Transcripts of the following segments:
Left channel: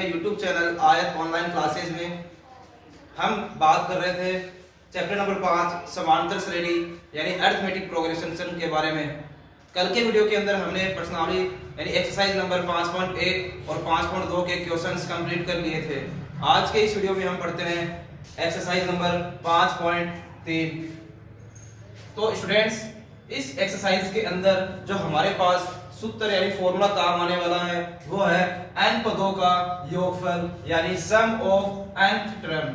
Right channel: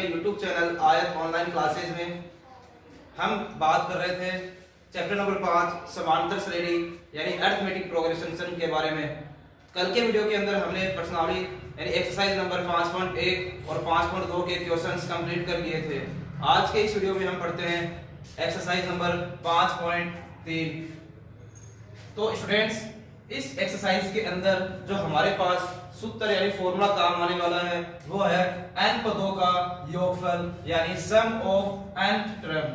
अपने YouTube channel आयत online classes में हम बात कर रहे थे चैप्टर नंबर 5 समांतर श्रेणी यानी अरिथमेटिक प्रोग्रेशन के बारे में। कल के वीडियो के अंदर हमने प्रश्नावली यानी एक्सरसाइज नंबर 5.1 और 5.2 के क्वेश्चंस कंप्लीट कर लिए थे। आज के इस वीडियो में हम पढ़ते हैं एक्सरसाइज नंबर 5.3। तो स्टूडेंट्स, इस एक्सरसाइज के अंदर जो हमारे पास सूत्र यानी फॉर्मूला काम आने वाला है वो है n पदों का योगफल यानी सम ऑफ n टर्म।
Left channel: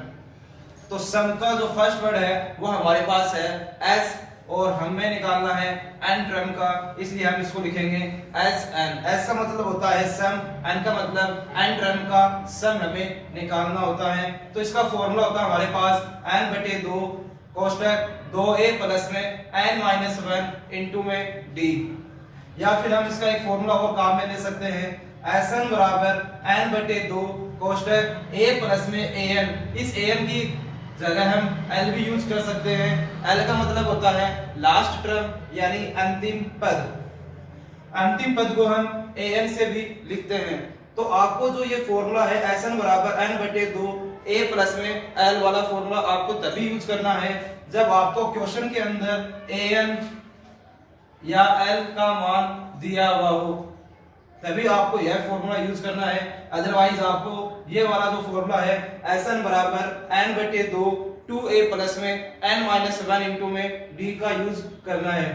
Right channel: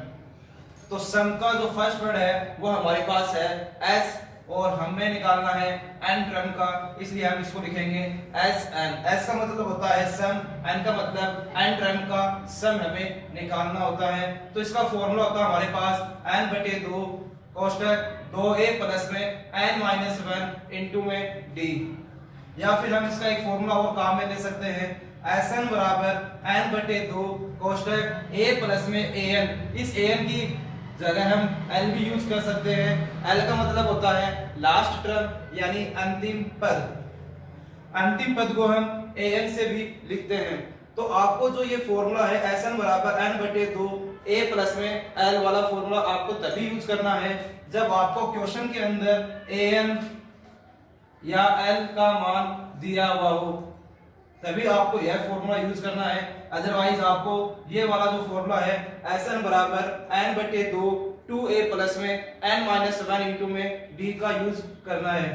तो सम का जो फर्स्ट वर्ड है वो हमारे पास है s और हमें निकालना है n टर्म का, इसलिए हम इसको लिखेंगे Sn। s का मतलब होता है सम, n का मतलब n टर्म का सम हमें निकालना होता है। तो इसका फॉर्मूला होता है हमारे पास n/2 कोष्टक 2a प्लस में n-1 इनटू में d, या फिर हम इसका एक फॉर्मूला और काम में ले सकते हैं Sn बराबर n/2 कोष्टक a प्लस में an। इस an की जगह हम l भी यूज कर सकते हैं। l का मतलब होता है लास्ट टर्म यानी अंतिम पद। अंतिम पद को हम an से भी लिखते हैं। तो आपको जो ये फॉर्मूला है Sn बराबर n/2 a प्लस में l वाला फॉर्मूला आपको तभी यूज करना है जब आपको क्वेश्चन के अंदर an या l का मान दिया हुआ हो, तभी आपको यह फॉर्मूला यूज करना है। अदरवाइज आपको ये वाला जो फॉर्मूला है Sn बराबर n/2 2a प्लस में n-1 इनटू में d का यूज करना है।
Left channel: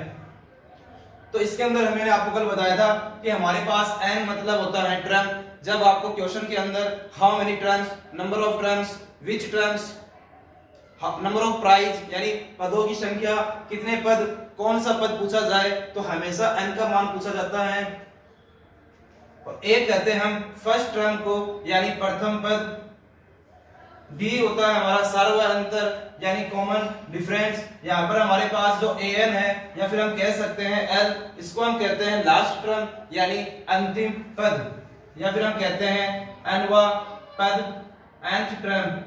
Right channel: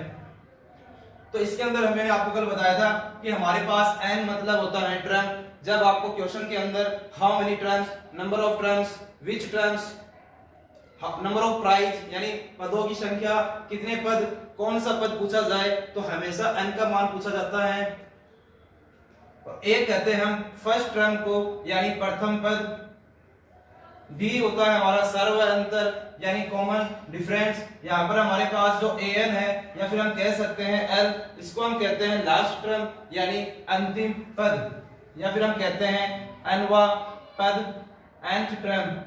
तो इसके अंदर मैंने आपको कल बताया था कि हमारे पास n मतलब होता है टर्म। जब आपको क्वेश्चन के अंदर how many terms, number of terms, which terms, number of prize यानी पदों की संख्या, कितने पद, कौन सा पद पूछा जाए तो हमेशा n का मान पूछा जाता है। और एक कहते हैं हम फर्स्ट टर्म को यानी प्रथम पद, d होता है हमारा सर्व अंतर यानी कॉमन डिफरेंस। यहाँ पर हमारे पास जो an है या फिर हम कह सकते हैं l, इसको हम कहते हैं लास्ट टर्म यानी अंतिम पद, या फिर हम कहते हैं nवां पद, nth टर्म।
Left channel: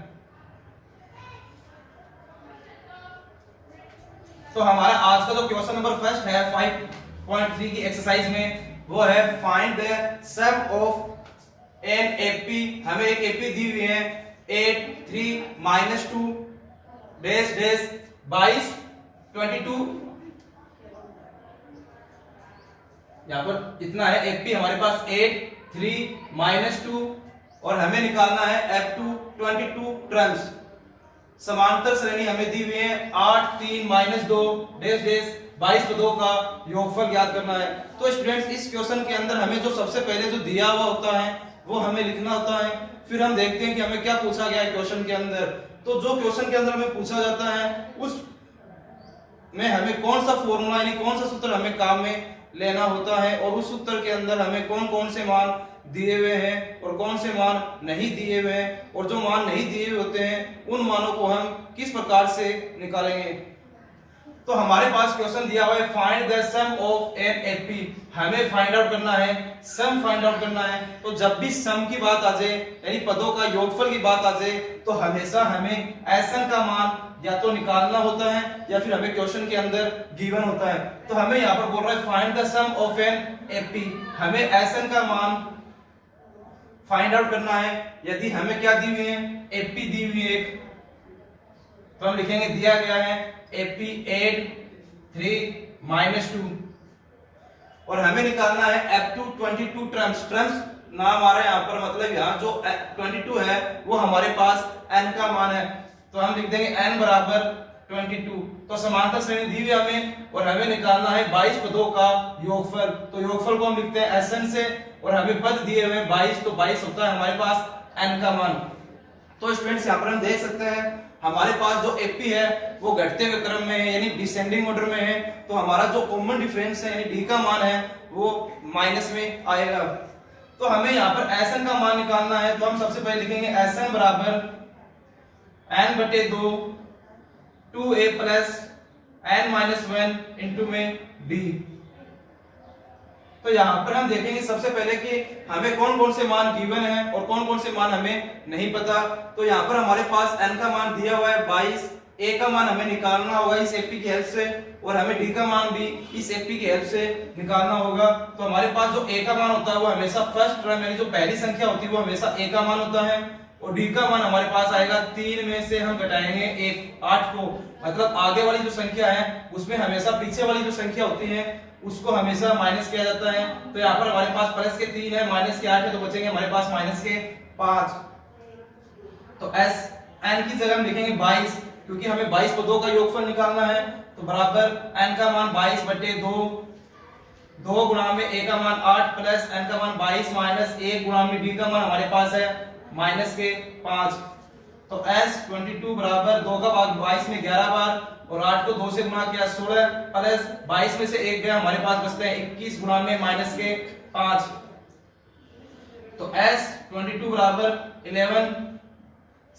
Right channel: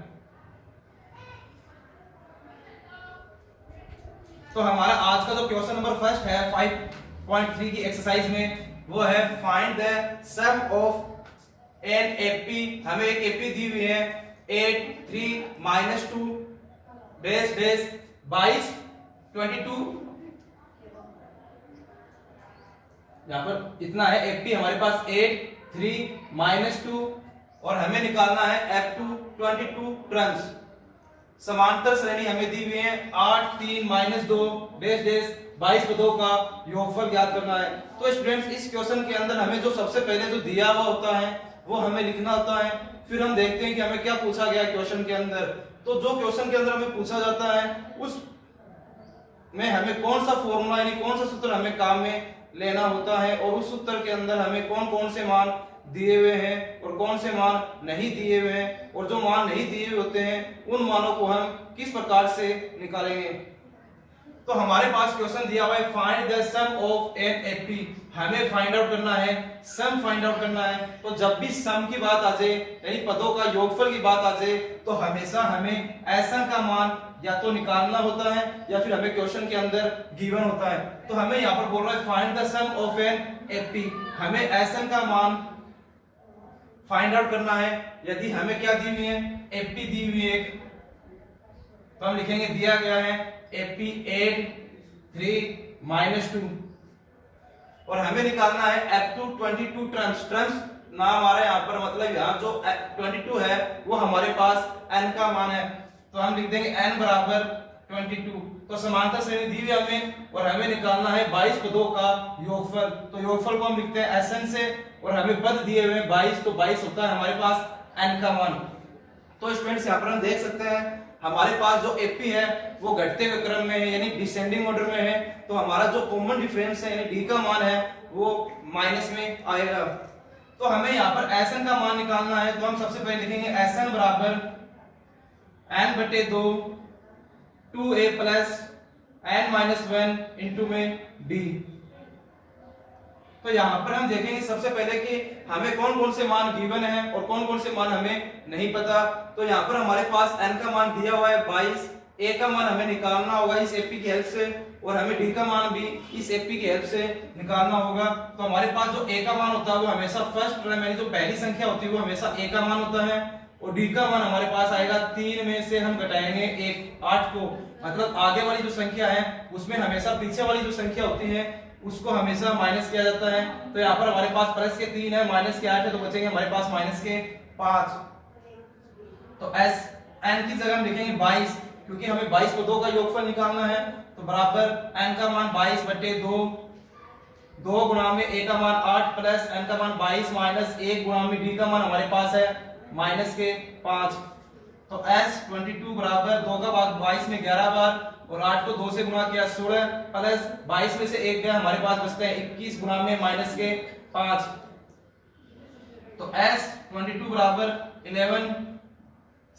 तो हमारा आज का जो क्वेश्चन नंबर फर्स्ट है 5.3 की एक्सरसाइज में वो है find the sum of an AP. हमें एक एपी दी हुई है 8 3 -2 डेस डेस 22 22। यहाँ पर इतना है एपी हमारे पास 8 3 -2 और हमें निकालना है f2 22 टर्म्स। समांतर श्रेणी हमें दी हुई है 8 3 -2 डेस डेस 22 पदों का योगफल ज्ञात करना है। तो स्टूडेंट्स, इस क्वेश्चन के अंदर हमें जो सबसे पहले जो दिया हुआ होता है वो हमें लिखना होता है। फिर हम देखते हैं कि हमें क्या पूछा गया है क्वेश्चन के अंदर। तो जो क्वेश्चन के अंदर हमें पूछा जाता है उस में हमें कौन सा फॉर्मूला यानी कौन सा सूत्र हमें काम में लेना होता है और उस सूत्र के अंदर हमें कौन कौन से मान दिए हुए हैं और कौन से मान नहीं दिए हुए हैं, और जो मान नहीं दिए हुए होते हैं उन मानों को हम किस प्रकार से निकालेंगे। तो हमारे पास क्वेश्चन दिया हुआ है find the sum of an AP. हमें फाइंड आउट करना है, सम फाइंड आउट करना है। तो जब भी सम की बात आ जाए यानी पदों का योगफल की बात आ जाए तो हमेशा हमें Sn का मान या तो निकालना होता है या फिर हमें क्वेश्चन के अंदर गिवन होता है। तो हमें यहाँ पर बोल रहा है find the sum of an AP. हमें Sn का मान फाइंड आउट करना है। यदि हमें क्या दी हुई है, एपी दी हुई है एक, तो हम लिखेंगे दिया गया है एपी 8 3 -2 और हमें निकालना है f2 22 टर्म्स। टर्म्स नाम आ रहा है यहाँ पर, मतलब यहाँ जो 22 है वो हमारे पास n का मान है, तो हम लिख देंगे n बराबर 22। तो समांतर श्रेणी दी हुई हमें और हमें निकालना है 22 पदों का योगफल। तो योगफल को हम लिखते हैं Sn से और हमें पद दिए हुए 22, तो 22 होता है हमारे पास n का मान। तो स्टूडेंट्स, यहाँ पर हम देख सकते हैं हमारे पास जो एपी है वो घटते हुए क्रम में है यानी डिसेंडिंग ऑर्डर में है। तो हमारा जो कॉमन डिफरेंस है यानी d का मान है वो माइनस में आएगा। तो हमें यहाँ पर Sn का मान निकालना है। तो हम सबसे पहले लिखेंगे Sn बराबर n/2 2a plus n-1 into में d। तो यहाँ पर हम देखेंगे सबसे पहले कि हमें कौन कौन से मान गिवन है और कौन कौन से मान हमें नहीं पता। तो यहाँ पर हमारे पास n का मान दिया हुआ है 22 ए का मान हमें निकालना होगा इस एपी की हेल्प से, और हमें डी का मान भी इस एपी की हेल्प से निकालना होगा। तो हमारे पास जो ए का मान होता है वो हमेशा फर्स्ट टर्म यानी जो पहली संख्या होती है वो हमेशा ए का मान होता है, और डी का मान हमारे पास आएगा 3 में से हम घटाएंगे 8 को, मतलब आगे वाली जो संख्या है उसमें हमेशा पीछे वाली जो संख्या होती है उसको हमेशा माइनस किया जाता है। तो यहाँ पर हमारे पास प्लस के 3 है, माइनस के 8 है, तो बचेंगे हमारे पास माइनस के 5। तो एस एन की जगह हम लिखेंगे 22, क्योंकि हमें 22 को 2 का योगफल निकालना है। तो बराबर एन का मान 22 बटे 2, 2 गुणा में ए का मान 8 प्लस एन का मान 22 माइनस 1 गुणा में डी का मान हमारे पास है माइनस के 5। तो s 22 बराबर 2 का भाग 22 में 11 बार, और 8 को 2 से गुणा किया 16 प्लस 22 में से 1 गया, हमारे पास बचते हैं 21 गुणा में माइनस के 5। तो s 22 बराबर 11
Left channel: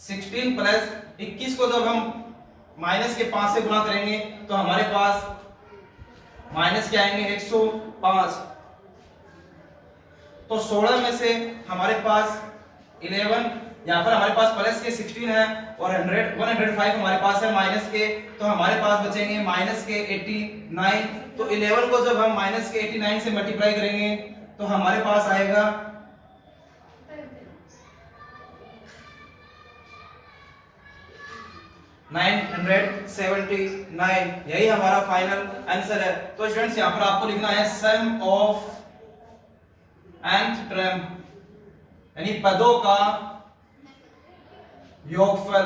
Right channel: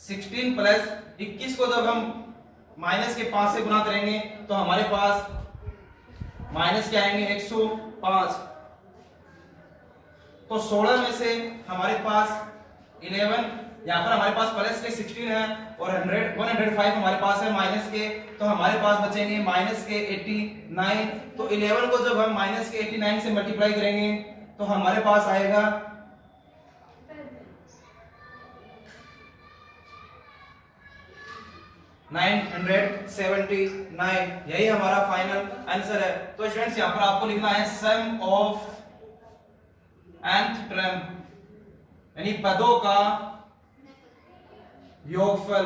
16 प्लस 21 को जब हम माइनस के 5 से गुणा करेंगे तो हमारे पास माइनस के आएंगे 105। तो 16 में से हमारे पास 11, यहाँ पर हमारे पास प्लस के 16 है, और 105 हमारे पास है माइनस के, तो हमारे पास बचेंगे माइनस के 89। तो 11 को जब हम माइनस के 89 से मल्टीप्लाई करेंगे तो हमारे पास आएगा 979। यही हमारा फाइनल आंसर है। तो स्टूडेंट्स यहाँ पर आपको लिखना है सम ऑफ nth टर्म यानी पदों का योगफल।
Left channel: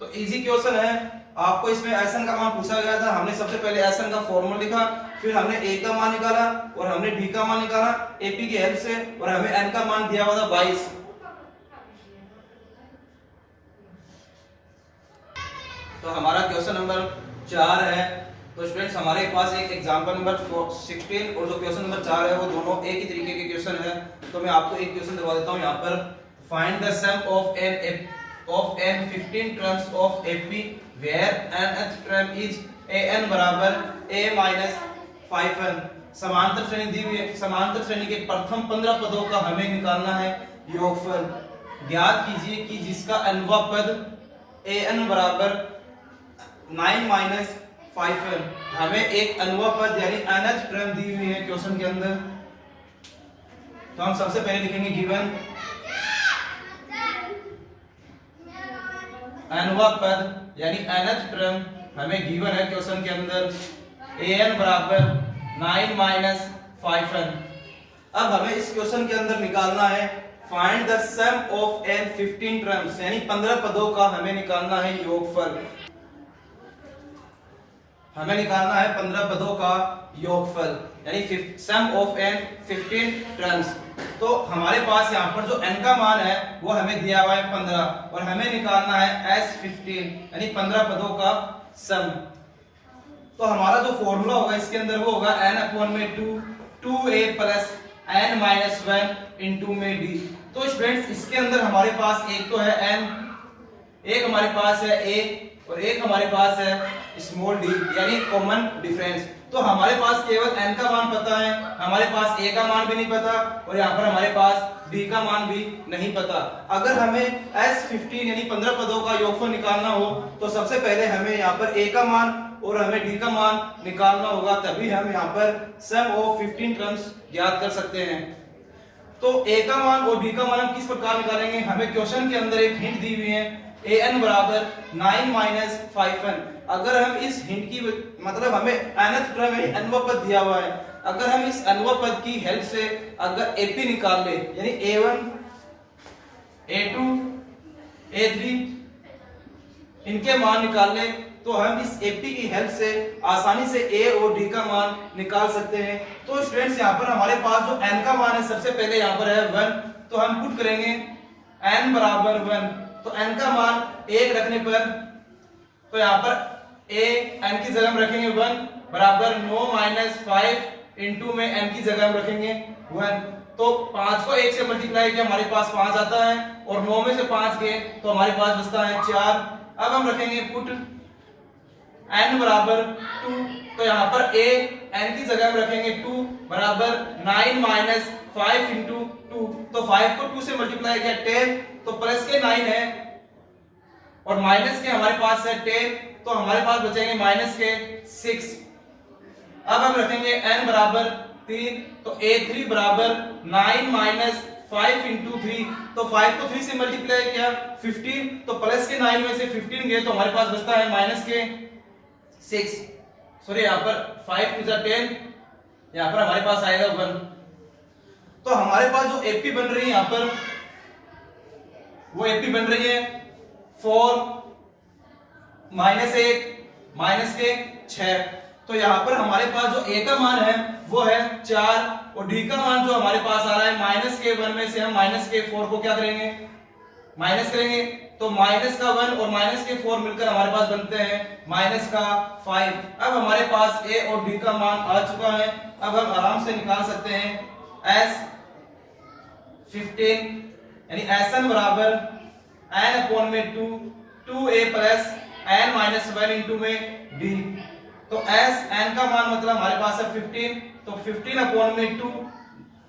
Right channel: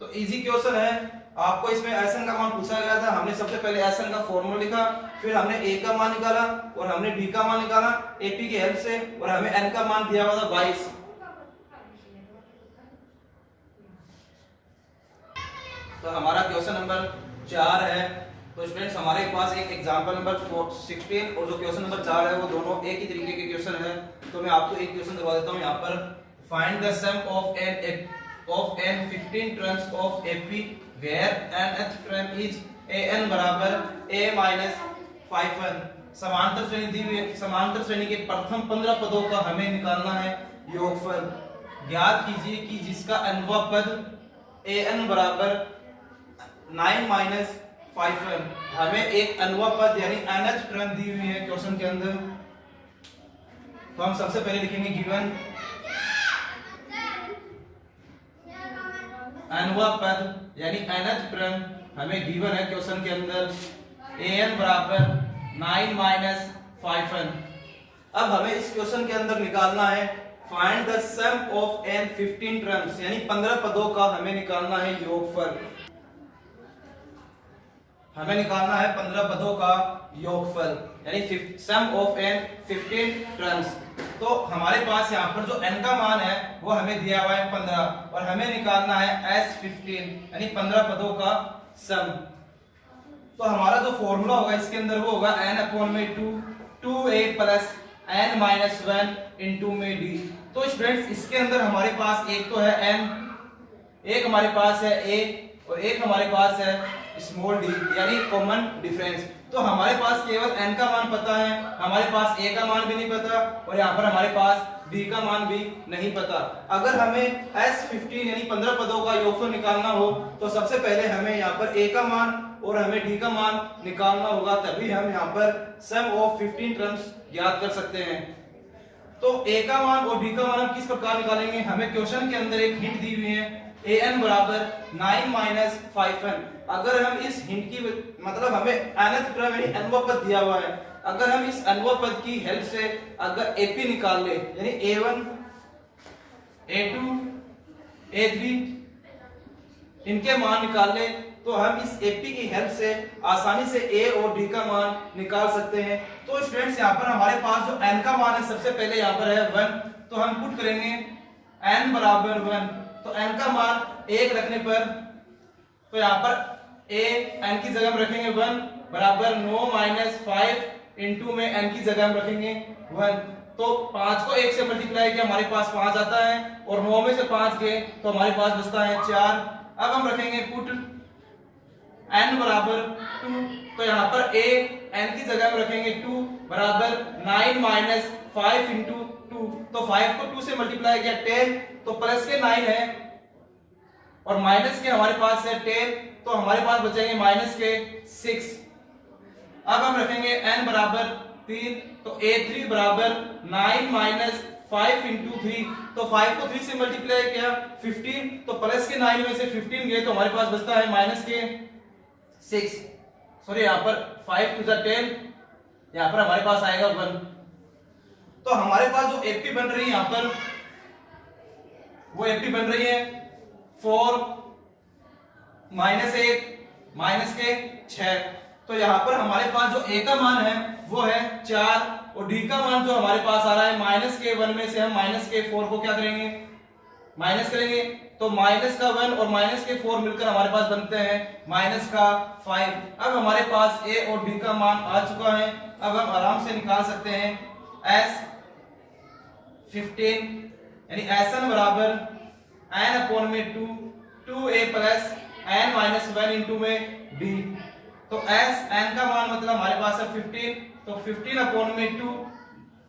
तो इजी क्वेश्चन है, आपको इसमें एसन का मान पूछा गया था, हमने सबसे पहले एसन का फॉर्मूला लिखा, फिर हमने ए का मान निकाला और हमने डी का मान निकाला एपी की हेल्प से, और हमें एन का मान दिया हुआ था 22। तो हमारा क्वेश्चन नंबर 4 है। तो स्टूडेंट्स हमारे पास एक एग्जांपल नंबर 16 और जो क्वेश्चन नंबर 4 है वो दोनों एक ही तरीके के क्वेश्चन है। तो मैं आपको एक क्वेश्चन दिखा देता हूं यहाँ पर, find the sum of an 15 terms of AP where nth term is an बराबर a माइनस 5n। समांतर श्रेणी दी हुई है, समांतर श्रेणी के प्रथम 15 पदों का हमें निकालना है योगफल। ज्ञात कीजिए कि जिसका nवां पद an बराबर 9 माइनस 5n। हमें एक nवां पद यानी nth टर्म दी हुई है क्वेश्चन के अंदर। तो हम सबसे पहले लिखेंगे गिवन nवां पद यानी nth टर्म हमें गिवन है क्वेश्चन के अंदर, an बराबर 9 माइनस 5n। अब हमें इस क्वेश्चन के अंदर निकालना है find the sum of n 15 terms यानी 15 पदों का हमें निकालना है योगफल। हमें निकालना है 15 पदों का योगफल यानी सम ऑफ n 15 टर्म्स। तो हमारे पास यहाँ पर जो n का मान है वो हमें दिया हुआ है 15, और हमें निकालना है s 15 यानी 15 पदों का सम। तो हमारा जो फॉर्मूला होगा इसके अंदर वो होगा n अपॉन में 2a plus n minus 1 into में d। तो स्टूडेंट्स इसके अंदर हमारे पास एक तो है n, एक हमारे पास है a और एक हमारे पास है स्मॉल d यानी कॉमन डिफरेंस। तो हमारे पास केवल n का मान पता है, हमारे पास a का मान भी नहीं पता, और यहाँ पर हमारे पास d का मान भी नहीं पता। अगर हमें s 15 यानी 15 पदों का योगफल निकालना हो तो सबसे पहले हमें यहाँ पर a का मान और हमें d का मान निकालना होगा, तभी हम यहाँ पर सम ऑफ 15 टर्म्स ज्ञात कर सकते हैं। तो a का मान और d का मान हम किस प्रकार निकालेंगे, हमें क्वेश्चन के अंदर एक हिंट दी हुई है an बराबर 9 माइनस 5n। अगर हम इस हिंट की मतलब हमें nth टर्म यानी nवां पद दिया हुआ है, अगर हम इस nवां पद की हेल्प से अगर ap निकाल ले यानी a1 a2 a3 इनके मान निकाल ले तो हम इस ap की हेल्प से आसानी से a और d का मान निकाल सकते हैं। तो स्टूडेंट्स यहाँ पर हमारे पास जो n का मान है सबसे पहले यहाँ पर है 1, तो हम पुट करेंगे n बराबर 1। तो n का मान 1 रखने पर तो यहाँ पर a n की जगह हम रखेंगे 1 बराबर 9 माइनस 5 इंटू में n की जगह हम रखेंगे 1। तो 5 को 1 से मल्टीप्लाई किया हमारे पास 5 आता है, और 9 में से 5 गए तो हमारे पास बचता है 4। अब हम रखेंगे पुट n बराबर 2, तो यहाँ पर a n की जगह हम रखेंगे 2 बराबर 9 माइनस 5 इंटू 2। तो 5 को 2 से मल्टीप्लाई किया 10, तो प्लस के 9 है और माइनस के हमारे पास है 10, तो हमारे पास बचेंगे माइनस के 6। अब हम रखेंगे n बराबर 3, तो a3 बराबर 9 माइनस 5 इंटू 3, तो 5 को 3 से मल्टीप्लाई किया 15, तो प्लस के 9 में से 15 गए तो हमारे पास बचता है माइनस के 6। सॉरी यहाँ पर 5 टू 10, यहाँ पर हमारे पास आएगा 1। तो हमारे पास जो एपी बन रही है यहाँ पर वो एपी बन रही है 4 माइनस 1 माइनस के 6। तो यहाँ पर हमारे पास जो ए का मान है वो है 4 और डी का मान जो हमारे पास आ रहा है माइनस के 1 में से हम माइनस के 4 को क्या करेंगे, माइनस करेंगे। तो माइनस का 1 और माइनस के 4 मिलकर हमारे पास बनते हैं माइनस का 5। अब हमारे पास ए और डी का मान आ चुका है। अब हम आराम से निकाल सकते हैं s 15 यानी sn बराबर n अपॉन में 2a plus n minus 1 into में d। तो s n का मान मतलब हमारे पास है 15, तो 15 अपॉन में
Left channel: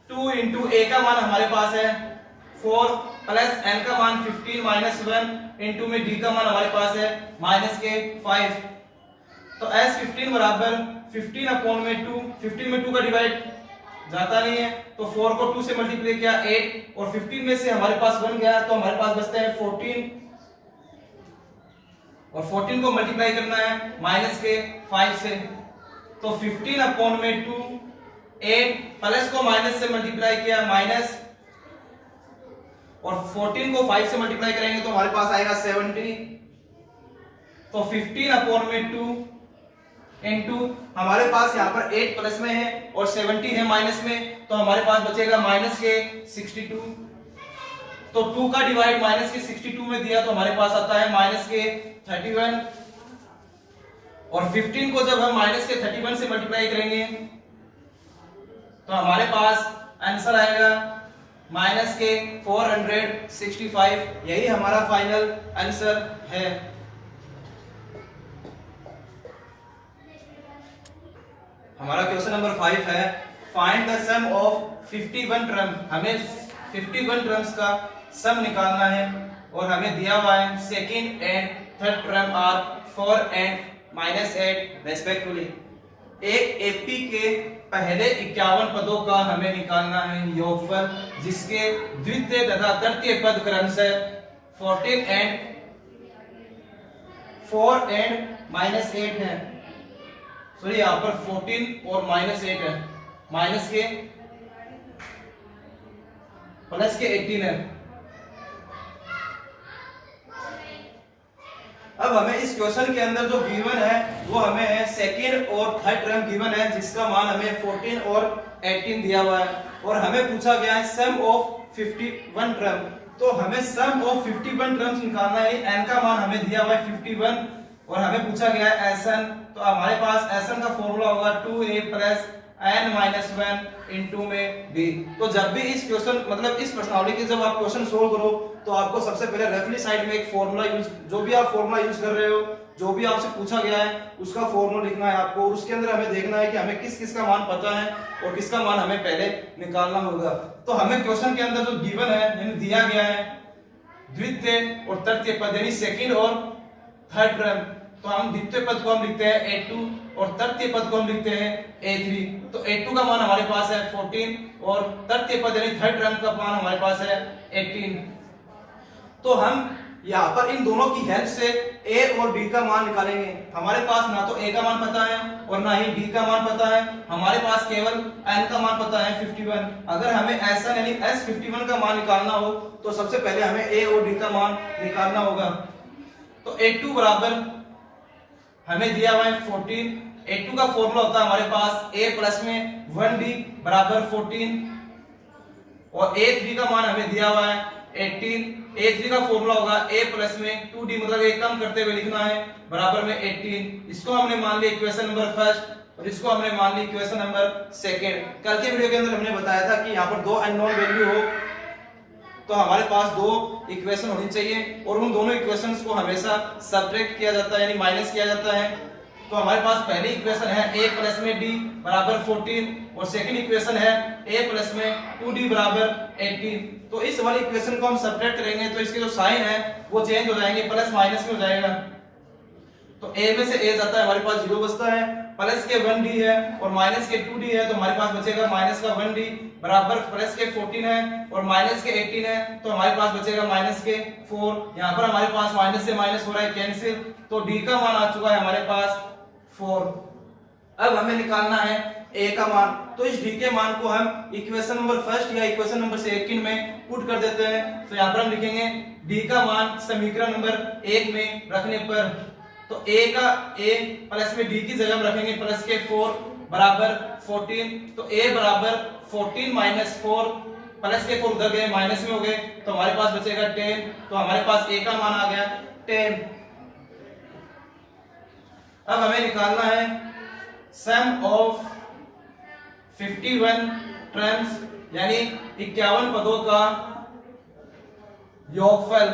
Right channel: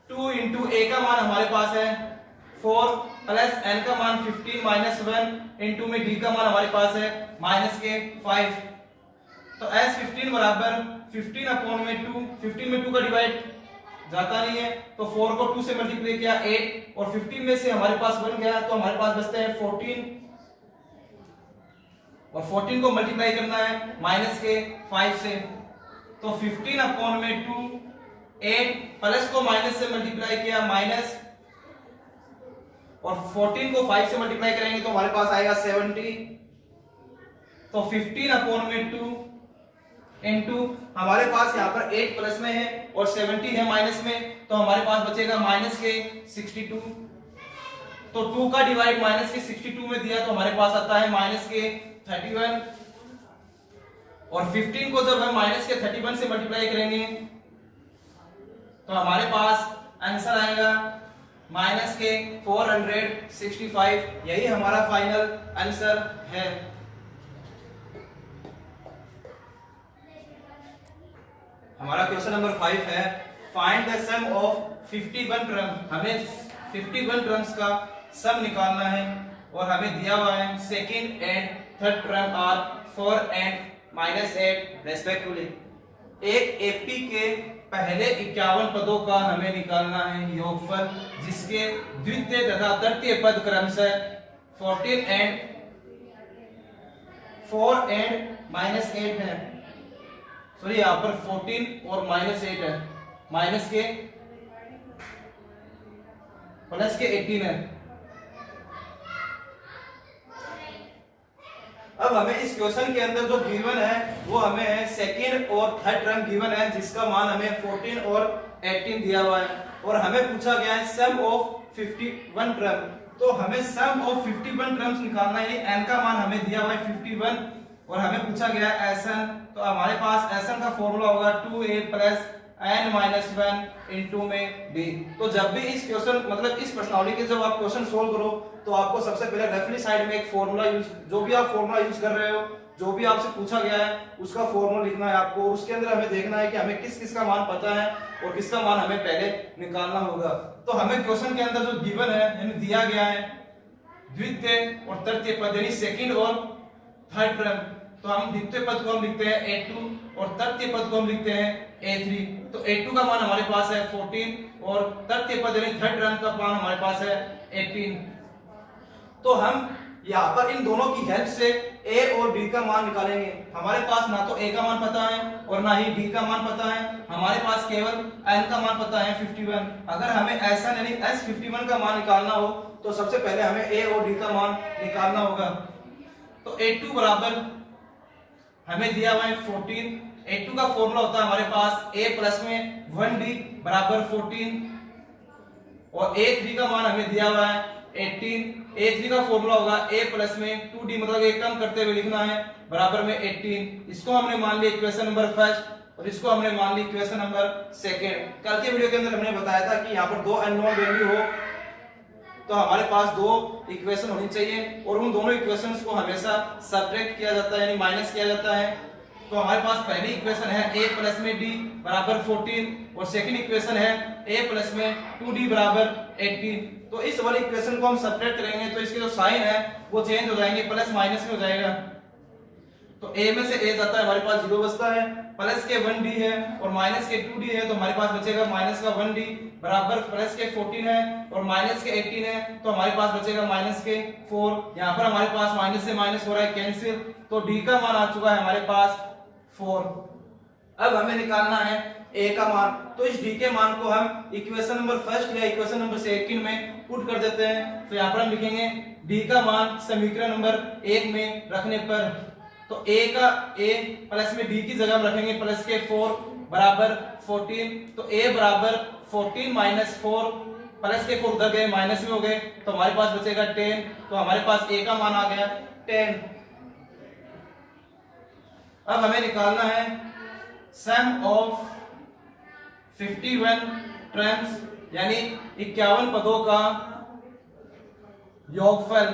2 इंटू a का मान हमारे पास है 4 प्लस n का मान 15 माइनस 1 इंटू में d का मान हमारे पास है माइनस के 5। तो s 15 बराबर 15 अपॉन में 2, 15 में 2 का डिवाइड जाता नहीं है, तो 4 को 2 से मल्टीप्लाई किया 8 और 15 में से हमारे पास 1 गया, तो हमारे पास बचते हैं 14 और 14 को मल्टीप्लाई करना है माइनस के 5 से। तो 15 अपॉन में 2, 8 प्लस को माइनस से मल्टीप्लाई किया माइनस और 14 को 5 से मल्टीप्लाई करेंगे तो हमारे पास आएगा 70। तो 15 अपॉन में 2 इनटू हमारे पास यहाँ पर 8 प्लस में है और 70 है माइनस में, तो हमारे पास बचेगा माइनस के 62। तो 2 का डिवाइड माइनस के 62 में दिया तो हमारे पास आता है माइनस के 31 और 15 को जब हम माइनस के 31 से मल्टीप्लाई करेंगे तो हमारे पास आंसर आएगा माइनस के 465। यही हमारा फाइनल आंसर है। हमारा क्वेश्चन नंबर 5 है find the sum of 51 term. हमें 51 टर्म्स का सम निकालना है और हमें दिया हुआ है second and third term are 4 and -8 respectively. एक एपी के पहले 51 पदों का हमें निकालना है योगफल, जिसके द्वितीय तथा तृतीय पद क्रमशः 14 एंड 4 एंड -8 है। सॉरी यहाँ पर 14 और -8 है, माइनस के प्लस के 18 है। अब हमें इस क्वेश्चन के अंदर जो गिवन है वो हमें है सेकेंड और थर्ड टर्म गिवन है, जिसका मान हमें 14 और 18 दिया हुआ है और हमें पूछा गया है सम ऑफ 51 टर्म। तो हमें सम ऑफ 51 टर्म्स निकालना है, n का मान हमें दिया हुआ है 51 और हमें पूछा गया है Sn। तो हमारे पास Sn का फॉर्मूला होगा 2a प्लस n-1 इंटू में d। तो जब भी इस क्वेश्चन मतलब इस प्रश्नावली के जब आप क्वेश्चन सोल्व करो तो आपको सबसे पहले लेफ्टली साइड में एक फॉर्मूला यूज, जो भी आप फॉर्मूला यूज कर रहे हो, जो भी आपसे पूछा गया है उसका फॉर्मूला लिखना है आपको। उसके अंदर हमें देखना है कि हमें किस किस का मान पता है और किसका मान हमें पहले निकालना होगा। तो हमें क्वेश्चन के अंदर जो गिवन है यानी दिया गया है द्वितीय और तृतीय पद यानी सेकंड और थर्ड टर्म, तो हम द्वितीय पद को हम लिखते हैं a2 और तृतीय पद को हम लिखते हैं a3। तो a2 का मान हमारे पास है 14 और तृतीय पद यानी थर्ड टर्म का मान हमारे पास है 18। तो हम यहाँ पर इन दोनों की हेल्प से a और b का मान निकालेंगे। हमारे पास ना तो a का मान पता है और ना ही d का मान पता है, हमारे पास केवल n का मान पता है 51। अगर हमें Sn यानी S51 का मान निकालना हो तो सबसे पहले हमें a और d का मान निकालना होगा। तो a2 बराबर हमें दिया हुआ है 14, a2 का फॉर्मूला होता है हमारे पास a प्लस में 1d बराबर 14 और a3 का मान हमें दिया हुआ है 18। a3 का फॉर्मूला होगा a प्लस में 2d मतलब एक कम करते हुए लिखना है बराबर में 18। इसको हमने मान लिया इक्वेशन नंबर फर्स्ट और इसको हमने मान ली इक्वेशन नंबर सेकंड। कल के वीडियो के अंदर हमने बताया था कि यहाँ पर दो अननोन वैल्यू हो तो हमारे पास दो इक्वेशन होनी चाहिए और उन दोनों इक्वेशंस को हमेशा सब्ट्रैक्ट किया जाता है यानी माइनस किया जाता है। तो हमारे पास पहली इक्वेशन है a प्लस में d बराबर 14 और सेकंड इक्वेशन है a प्लस में 2d बराबर 18। तो इस वाली इक्वेशन को हम सब्ट्रैक्ट करेंगे तो इसके जो साइन है वो चेंज हो जाएंगे, प्लस माइनस में हो जाएगा। तो ए में से ए जाता है, हमारे पास 0 बचता है, प्लस के 1d है और माइनस के 2d है, तो हमारे पास बचेगा माइनस का 1d बराबर प्लस के 14 है और माइनस के 18 है, तो हमारे पास बचेगा माइनस के 4। यहाँ पर हमारे पास माइनस से माइनस हो रहा है कैंसिल, तो d का मान आ चुका है हमारे पास 4। अब हमें निकालना है a का मान, तो इस d के मान को हम इक्वेशन नंबर फर्स्ट या इक्वेशन नंबर सेकंड में पुट कर देते हैं। तो यहाँ पर हम लिखेंगे d का मान समीकरण नंबर 1 में रखने पर, तो a का a प्लस में d की जगह में रखेंगे प्लस के 4 बराबर 14, तो a बराबर 14 माइनस 4, प्लस के 4 उधर गए माइनस में हो गए, तो हमारे पास बचेगा 10, तो हमारे पास a का मान आ गया 10। अब हमें निकालना है सम ऑफ 51 टर्म्स यानी 51 पदों का योगफल।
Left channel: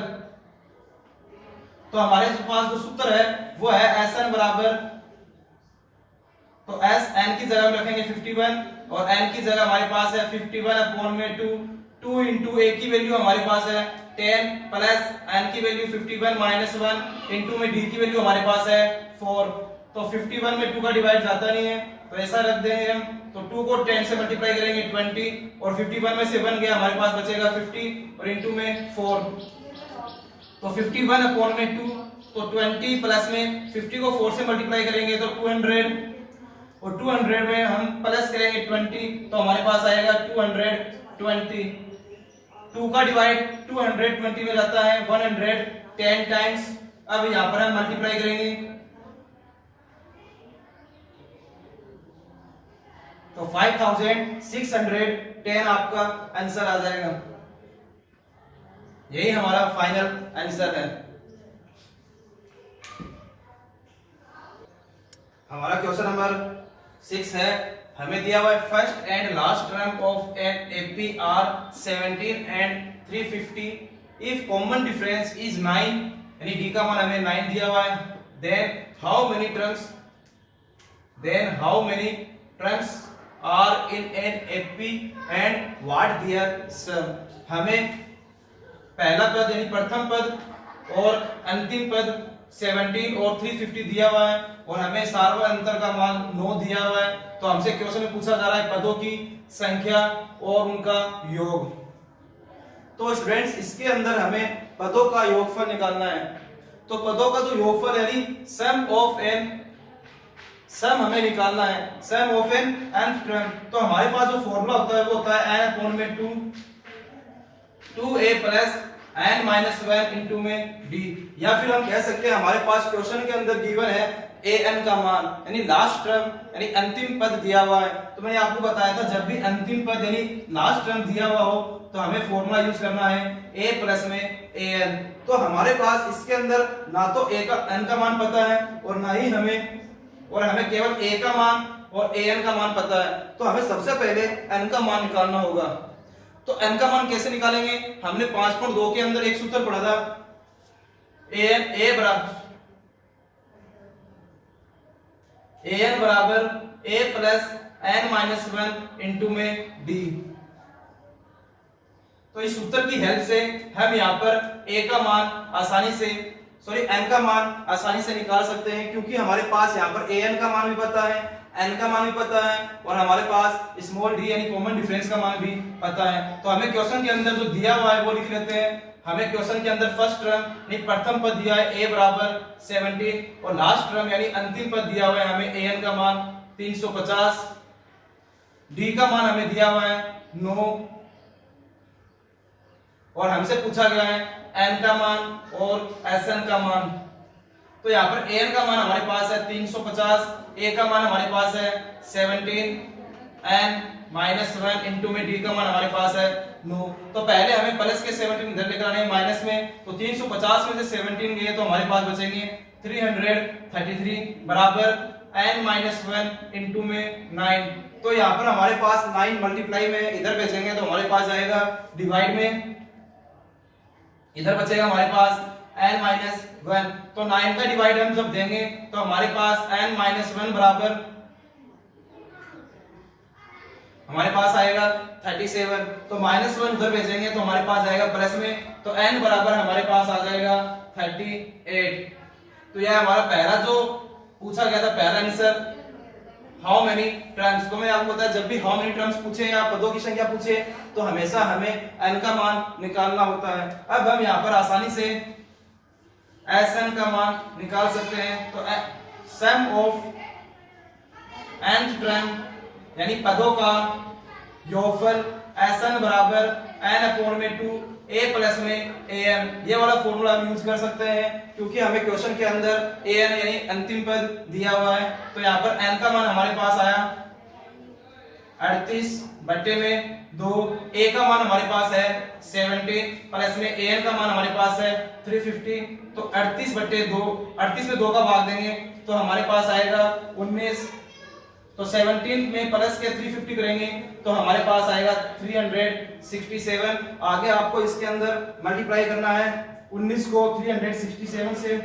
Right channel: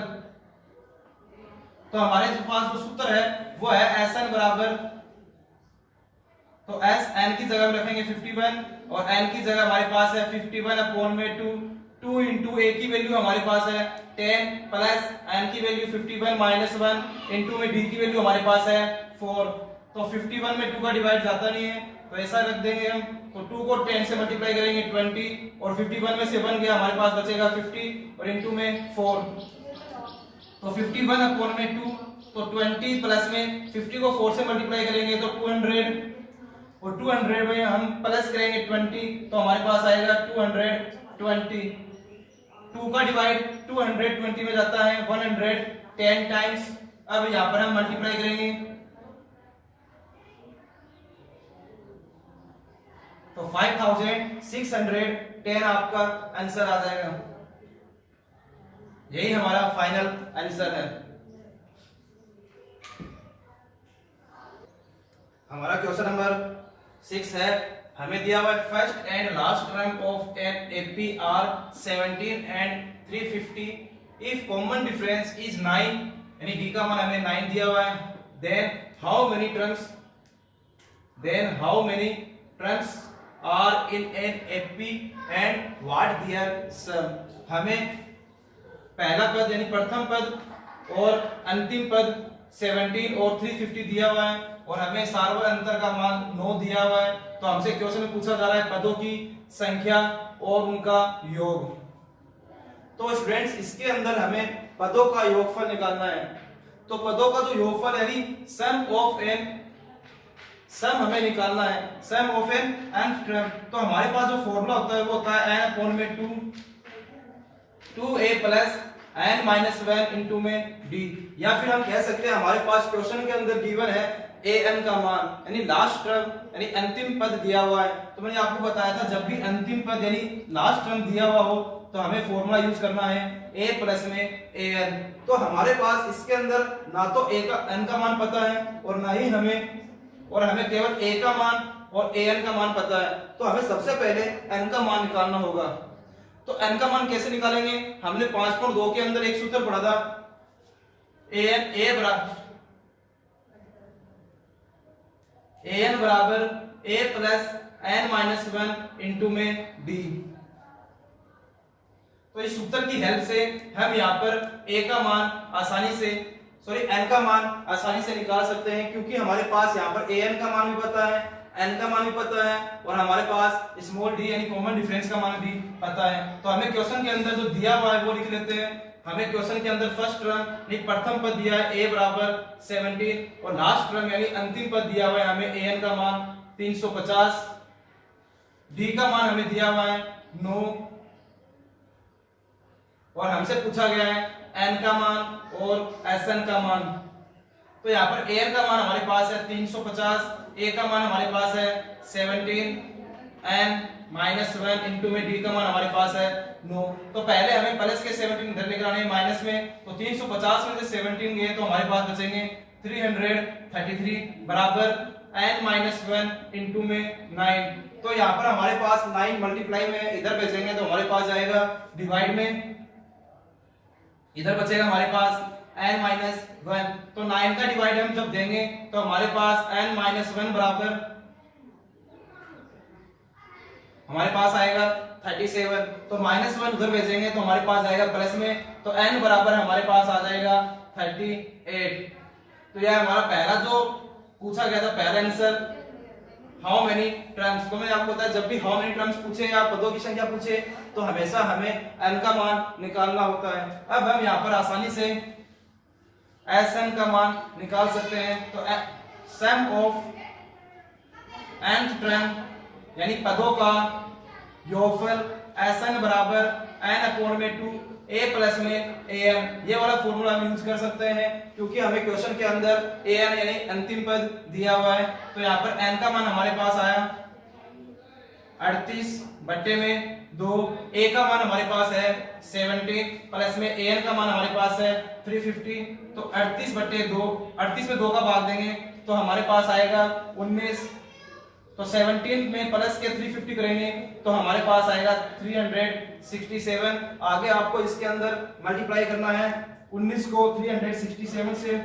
तो हमारे पास जो सूत्र है वो है Sn बराबर, तो एस एन की जगह में रखेंगे 51 और n की जगह हमारे पास है 51 अपॉन में 2 इंटू a की वैल्यू हमारे पास है 10 प्लस n की वैल्यू 51 माइनस 1 इंटू में d की वैल्यू हमारे पास है 4। तो 51 में 2 का डिवाइड जाता नहीं है, तो ऐसा रख देंगे हम, तो 2 को 10 से मल्टीप्लाई करेंगे 20 और 51 में से 1 गया, हमारे पास बचेगा 50 और इंटू में 4, तो 51 अपॉन में 2, तो 20 प्लस में 50 को 4 से मल्टीप्लाई करेंगे तो 200 और 200 में हम प्लस करेंगे 20, तो हमारे पास आएगा 220। 2 का डिवाइड 220 में जाता है 110 टाइम्स। अब यहाँ पर हम मल्टीप्लाई करेंगे तो 5610 आपका आंसर आ जाएगा। यही हमारा फाइनल आंसर है। हमारा क्वेश्चन नंबर 6 है, हमें दिया हुआ है first and last term of an AP are 17 and 350 if common difference is 9, यानी डी का मान हमें 9 दिया हुआ है, then how many terms are in an AP and what their sum. हमें पहला पद यानी प्रथम पद और अंतिम पद 17 और 350 दिया हुआ है और हमें सार्वत्रिक अंतर का मान 9 दिया हुआ है। तो हमसे क्वेश्चन में पूछा जा रहा है पदों की संख्या और उनका योग। तो स्टूडेंट्स इसके अंदर हमें पदों का योगफल निकालना है। तो पदों का जो योगफल यानी सम हमें निकालना है, सम ऑफ एन nth टर्म। तो हमारे पास जो फॉर्मूला होता है वो होता है n अपॉन में 2a plus n minus 1 into में d, या फिर हम कह सकते हैं हमारे पास क्वेश्चन के अंदर गिवन है an का मान यानी लास्ट टर्म यानी अंतिम पद दिया हुआ है। तो मैंने आपको बताया था जब भी अंतिम पद यानी लास्ट टर्म दिया हुआ हो तो हमें फॉर्मूला यूज करना है a प्लस में an। तो हमारे पास इसके अंदर ना तो a का n का मान पता है और ना ही हमें केवल a का मान और an का मान पता है। तो हमें सबसे पहले n का मान निकालना होगा। तो n का मान कैसे निकालेंगे? हमने 5.2 के अंदर एक सूत्र पढ़ा था, an बराबर a plus n minus 1 into में d। तो इस सूत्र की हेल्प से हम यहाँ पर n का मान आसानी से निकाल सकते हैं, क्योंकि हमारे पास यहाँ पर an का मान भी पता है, n का मान भी पता है और हमारे पास स्मॉल d यानी कॉमन डिफरेंस का मान भी पता है। तो हमें क्वेश्चन के अंदर जो दिया हुआ है वो लिख लेते हैं। हमें क्वेश्चन के अंदर फर्स्ट टर्म यानी प्रथम पद दिया है a बराबर 17 और लास्ट टर्म यानी अंतिम पद दिया हुआ है हमें an का मान 350, d का मान हमें दिया हुआ है 9 और हमसे पूछा गया है n का मान और Sn का मान। तो यहाँ पर an का मान हमारे पास है 350, a का मान हमारे पास है 17 n माइनस 1 इंटू में d का मान हमारे पास है 9। तो पहले हमें प्लस के 17 इधर लेकर आने हैं माइनस में, तो 350 में से 17 गए तो हमारे पास बचेंगे 333 बराबर n माइनस 1 इंटू में 9। तो यहाँ पर हमारे पास 9 मल्टीप्लाई में इधर भेजेंगे तो हमारे पास आएगा डिवाइड में, इधर बचेगा हमारे पास n माइनस 1। तो 9 का डिवाइड हम जब देंगे तो हमारे पास n माइनस 1 बराबर, हमारे पास आएगा 37, तो -1 उधर भेजेंगे तो हमारे पास आएगा प्लस में, तो n बराबर हमारे पास आ जाएगा 38। तो यह हमारा पहला जो पूछा गया था पहला आंसर, हाउ मेनी टर्म्स। तो मैंने आपको बताया जब भी हाउ मेनी टर्म्स पूछे या पदों की संख्या पूछे तो हमेशा हमें n का मान निकालना होता है। अब हम यहाँ पर आसानी से Sn का मान निकाल सकते हैं। तो सम ऑफ nth टर्म यानी पदों का योगफल Sn बराबर n/2 a प्लस में an, ये वाला फॉर्मूला हम यूज कर सकते हैं क्योंकि हमें क्वेश्चन के अंदर an यानी अंतिम पद दिया हुआ है। तो यहाँ पर n का मान हमारे पास आया 38/2, a का मान हमारे पास है 70 प्लस में an का मान हमारे पास है 350। तो 38/2, 38 में 2 का भाग देंगे तो हमारे पास आएगा 19। तो 17 में प्लस के 350 करेंगे तो हमारे पास आएगा 367। आगे आपको इसके अंदर मल्टीप्लाई करना है 19 को 367 से,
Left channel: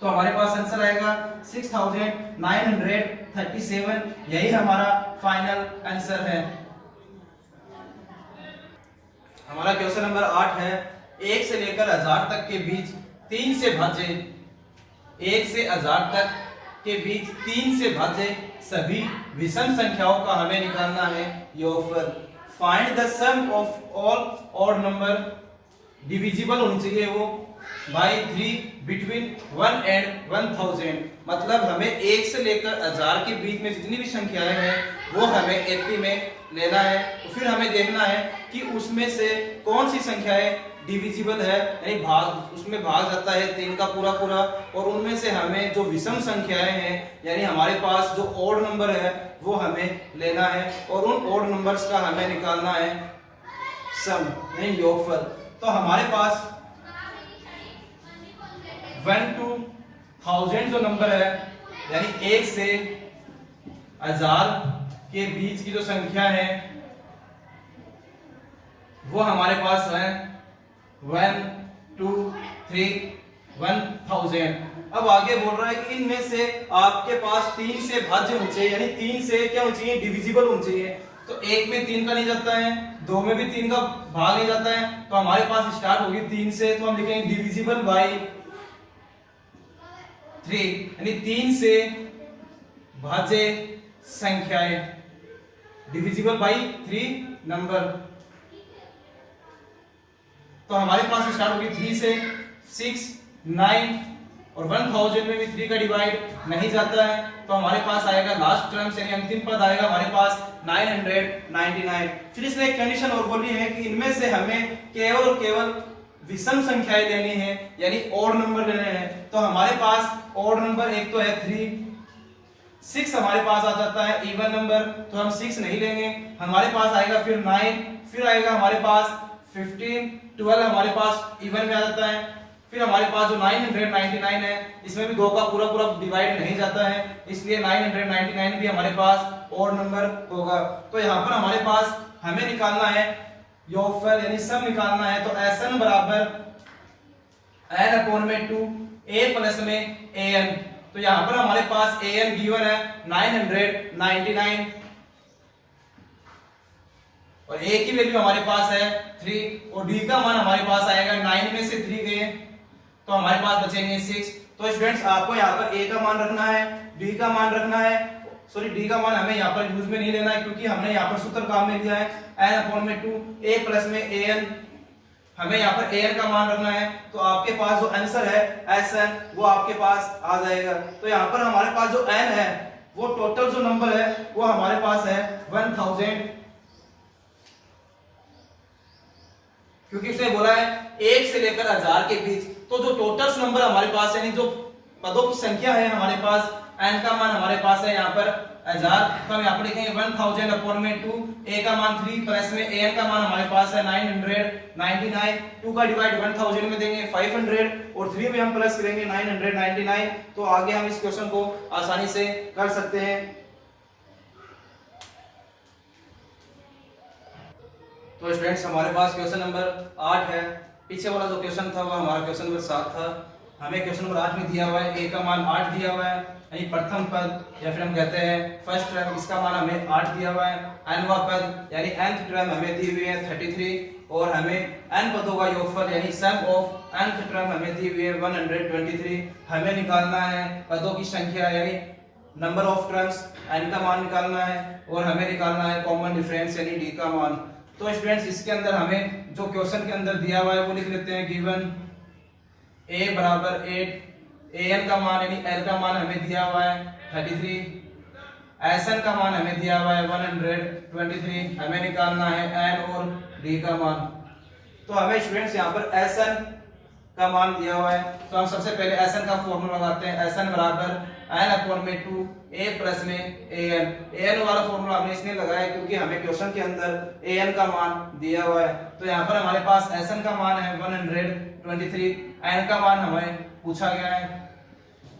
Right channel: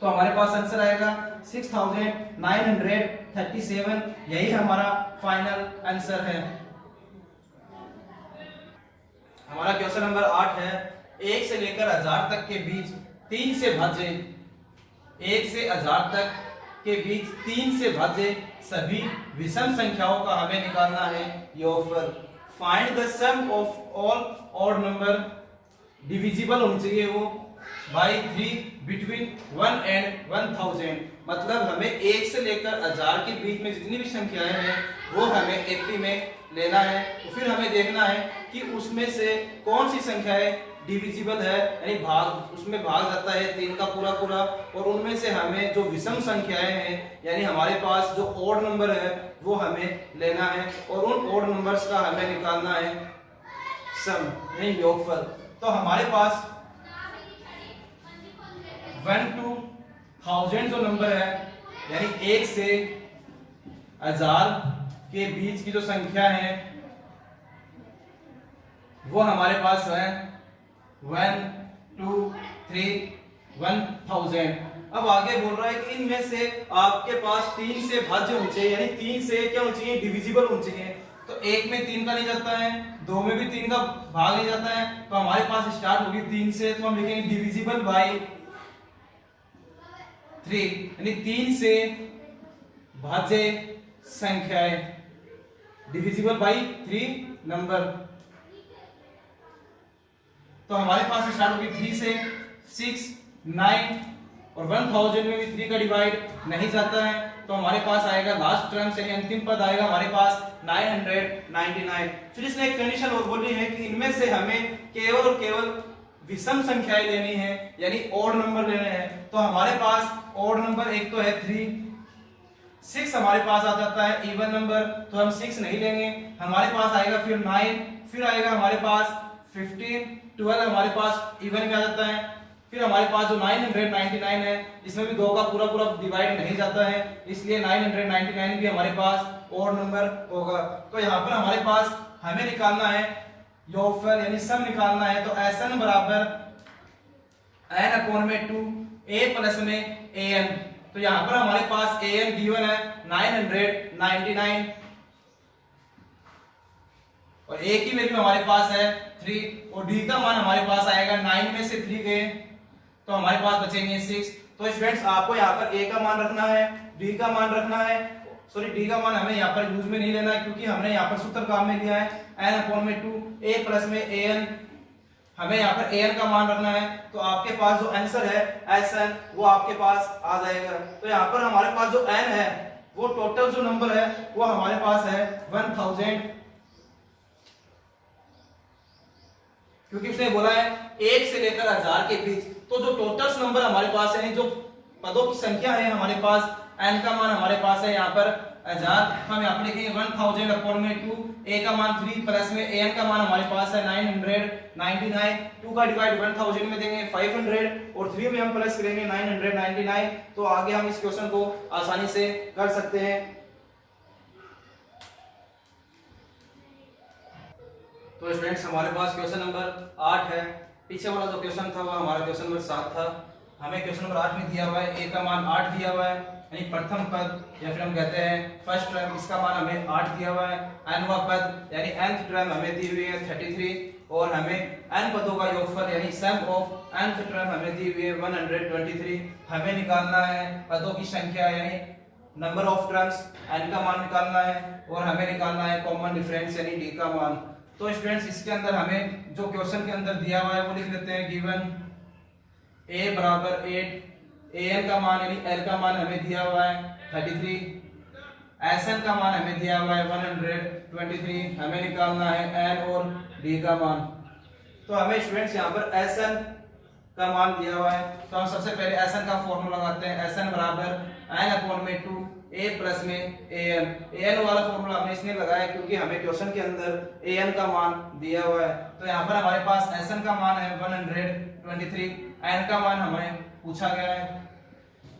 तो हमारे पास आंसर आएगा 6937। यही हमारा फाइनल आंसर है। हमारा क्वेश्चन नंबर 8 है, 1 से लेकर 1000 तक के बीच 3 से भाज्य, 1 से 1000 तक के बीच 3 से भाज्य सभी विषम संख्याओं का हमें निकालना है योगफल। Find the sum of all odd number, divisible होनी चाहिए वो बाय 3 बिटवीन 1 एंड 1000। मतलब हमें 1 से लेकर 1000 के बीच में जितनी भी संख्याएं हैं वो हमें 80 में लेना है। तो फिर हमें देखना है कि उसमें से कौन सी संख्याएं डिविजिबल है यानी भाग, उसमें भाग जाता है 3 का पूरा पूरा, और उनमें से हमें जो विषम संख्याएं हैं यानी हमारे पास जो ऑड नंबर है वो हमें लेना है और उन ऑड नंबर्स का हमें निकालना है सम यानी योगफल। तो हमारे पास 1 to 1000 जो नंबर है यानी 1 से 1000 के बीच की जो संख्या है वो हमारे पास है 1 2 3 1000। अब आगे बोल रहा है कि इनमें से आपके पास 3 से भाज्य होने चाहिए, यानी 3 से क्या होना चाहिए, डिविजिबल होना चाहिए। तो 1 में 3 का नहीं जाता है, 2 में भी 3 का भाग नहीं जाता है, तो हमारे पास स्टार्ट होगी 3 से, तो हम लिखेंगे डिविजिबल बाय 3 यानी 3 से भाज्य संख्याएं, डिविजिबल बाय 3 नंबर। तो हमारे पास स्टार्ट होगी 3 से 6 9 और 1000 में भी 3 का डिवाइड नहीं जाता है, तो हमारे पास आएगा लास्ट टर्म यानी अंतिम पद आएगा हमारे पास 999। फिर इसने एक कंडीशन और बोली है कि इनमें से हमें केवल और केवल विषम संख्याएं लेनी है यानी ऑड नंबर लेने हैं। तो हमारे पास ऑड नंबर एक तो है 3, 6 हमारे पास आ जाता है इवन नंबर, तो हम 6 नहीं लेंगे। हमारे पास आएगा फिर 9, फिर आएगा हमारे पास 15, 12 हमारे पास इवन में आ जाता है। फिर हमारे पास जो 999 है इसमें भी 2 का पूरा पूरा डिवाइड नहीं जाता है, इसलिए 999 भी हमारे पास ऑड नंबर होगा। तो यहाँ पर हमारे पास हमें निकालना है योगफल यानी सम निकालना है। तो Sn बराबर n/2 a प्लस में an। तो यहाँ पर हमारे पास an गिवन है 999 और a की वैल्यू हमारे पास है 3 और d का मान हमारे पास आएगा 9 में से 3 गए तो हमारे पास बचेंगे 6। तो स्टूडेंट्स आपको यहाँ पर a का मान रखना है, d का मान रखना है, सॉरी d का मान हमें यहाँ पर यूज में नहीं लेना है क्योंकि हमने यहाँ पर सूत्र काम में लिया है n/2 a प्लस में an। हमें यहाँ पर an का मान रखना है, तो आपके पास जो आंसर है Sn वो आपके पास आ जाएगा। तो यहाँ पर हमारे पास जो n है वो टोटल जो नंबर है वो हमारे पास है 1000, क्योंकि उसने बोला है 1 से लेकर 1000 के बीच। तो जो टोटल नंबर हमारे पास है यानी जो पदों की संख्या है हमारे पास, n का मान हमारे पास है यहाँ पर 1000, तो हम यहाँ पर लिखेंगे 1000/2, a का मान 3 प्लस में an का मान हमारे पास है 999, 2 का डिवाइड 1000 में देंगे 500 और 3 में हम प्लस करेंगे 999। तो आगे हम इस क्वेश्चन को आसानी से कर सकते हैं। तो स्टूडेंट्स हमारे पास क्वेश्चन नंबर 8 है, पीछे वाला जो क्वेश्चन था वो हमारा क्वेश्चन नंबर 7 था। हमें क्वेश्चन नंबर 8 में दिया हुआ है ए का मान 8 दिया हुआ है, यानी प्रथम पद या फिर हम कहते हैं फर्स्ट टर्म, इसका मान हमें 8 दिया हुआ है। nवां पद यानी nth टर्म हमें दी हुई है 33 और हमें n पदों का योगफल यानी सम ऑफ nth टर्म हमें दी हुई है 123। हमें निकालना है पदों की संख्या यानी नंबर ऑफ टर्म्स, n का मान निकालना है और हमें निकालना है कॉमन डिफरेंस यानी d का मान। तो स्टूडेंट्स इसके अंदर हमें जो क्वेश्चन के अंदर दिया हुआ है वो लिख लेते हैं। गिवन a बराबर 8, an का मान यानी l का मान हमें दिया हुआ है 33, sn का मान हमें दिया हुआ है 123। हमें निकालना है n और d का मान। तो हमें स्टूडेंट्स यहाँ पर sn का मान दिया हुआ है, तो हम सबसे पहले sn का फॉर्मूला लगाते हैं। sn बराबर n/2 a प्लस में an वाला फॉर्मूला हमने इसलिए लगाया क्योंकि हमें क्वेश्चन के अंदर an का मान दिया हुआ है। तो यहाँ पर हमारे पास sn का मान है 123, n का मान हमें पूछा गया है,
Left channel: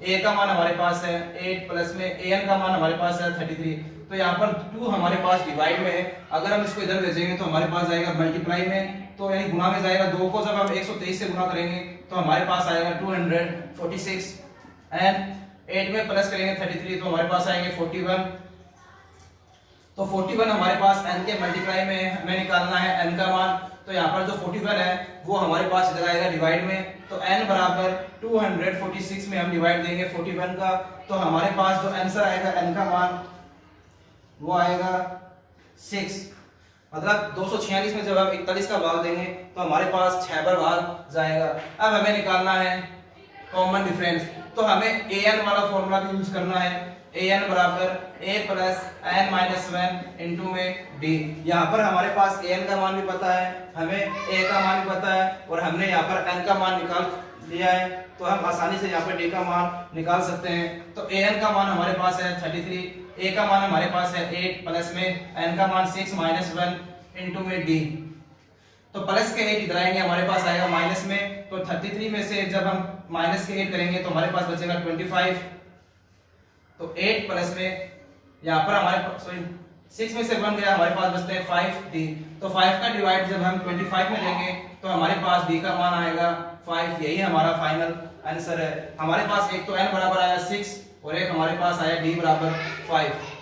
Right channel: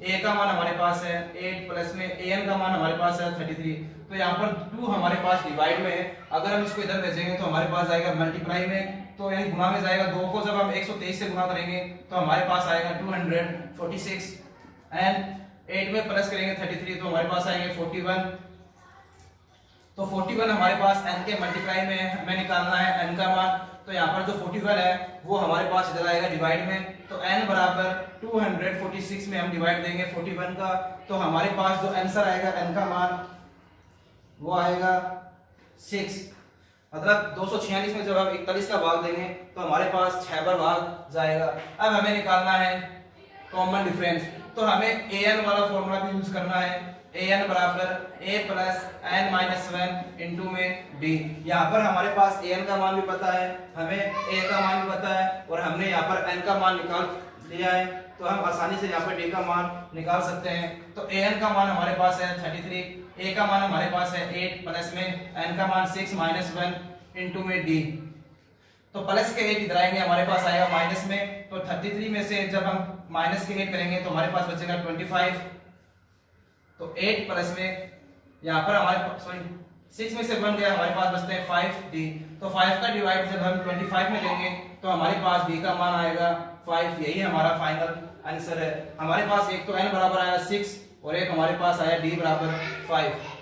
a का मान हमारे पास है 8 प्लस में an का मान हमारे पास है 33। तो यहाँ पर 2 हमारे पास डिवाइड में है, अगर हम इसको इधर भेजेंगे तो हमारे पास आएगा मल्टीप्लाई में, तो यानी गुणा में जाएगा। 2 को जब हम 123 से गुणा करेंगे तो हमारे पास आएगा 246 एंड 8 में प्लस करेंगे 33 तो हमारे पास आएंगे 41। तो 41 हमारे पास n के मल्टीप्लाई में है, हमें निकालना है n का मान। तो यहाँ पर जो 41 है वो हमारे पास इधर आएगा डिवाइड में, तो n बराबर 246 में हम डिवाइड देंगे 41 का, तो हमारे पास जो आंसर आएगा n का मान वो आएगा 6। मतलब 246 में जब हम 41 का भाग देंगे तो हमारे पास 6 बार भाग जाएगा। अब हमें निकालना है कॉमन डिफरेंस, तो हमें an वाला फॉर्मूला भी यूज करना है। an बराबर a plus n minus 1 into में d। यहाँ पर हमारे पास an का मान भी पता है, हमें a का मान भी पता है और हमने यहाँ पर n का मान निकाल लिया है, तो हम आसानी से यहाँ पर d का मान निकाल सकते हैं। तो an का मान हमारे पास है 33, a का मान हमारे पास है 8 प्लस में n का मान 6 माइनस 1 इंटू में d। तो प्लस के 8 इधर आएंगे, हमारे पास आएगा माइनस में, तो 33 में से जब हम माइनस के 8 करेंगे तो हमारे पास बचेगा 25। तो 8 प्लस में यहाँ पर हमारे पास 6 में से 1 गया, हमारे पास बचते हैं 5d। तो 5 का डिवाइड जब हम 25 में लेंगे तो हमारे पास d का मान आएगा 5। यही हमारा फाइनल आंसर है। हमारे पास एक तो n बराबर आया 6 और एक हमारे पास आया d बराबर 5।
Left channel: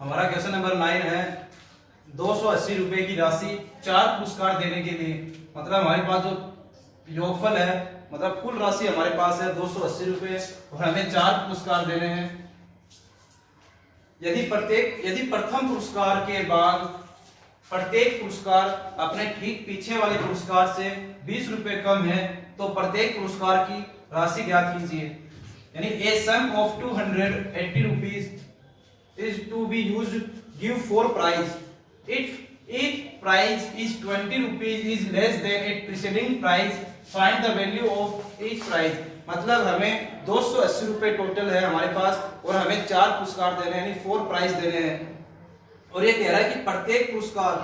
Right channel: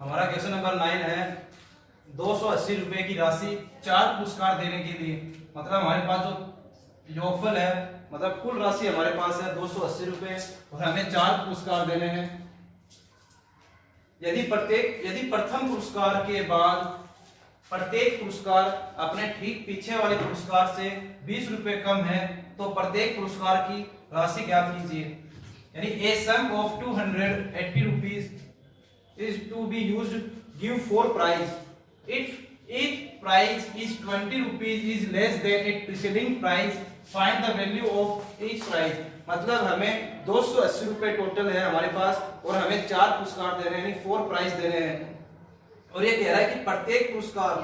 हमारा क्वेश्चन नंबर 9 है 280 रुपए की राशि 4 पुरस्कार देने के लिए, मतलब हमारे पास जो योगफल है, मतलब कुल राशि हमारे पास है 280 रुपए और हमें 4 पुरस्कार देने हैं। यदि प्रथम पुरस्कार के बाद प्रत्येक पुरस्कार अपने ठीक पीछे वाले पुरस्कार से 20 रुपए कम है तो प्रत्येक पुरस्कार की राशि ज्ञात कीजिए। यानी a sum of 280 rupees is to be used, give 4 prize. If each prize is 20 rupees is less than its preceding price, find the value of each prize. मतलब हमें 280 रुपए टोटल है हमारे पास और हमें 4 पुरस्कार देने हैं, यानी 4 प्राइज देने हैं। और ये कह रहा है कि प्रत्येक पुरस्कार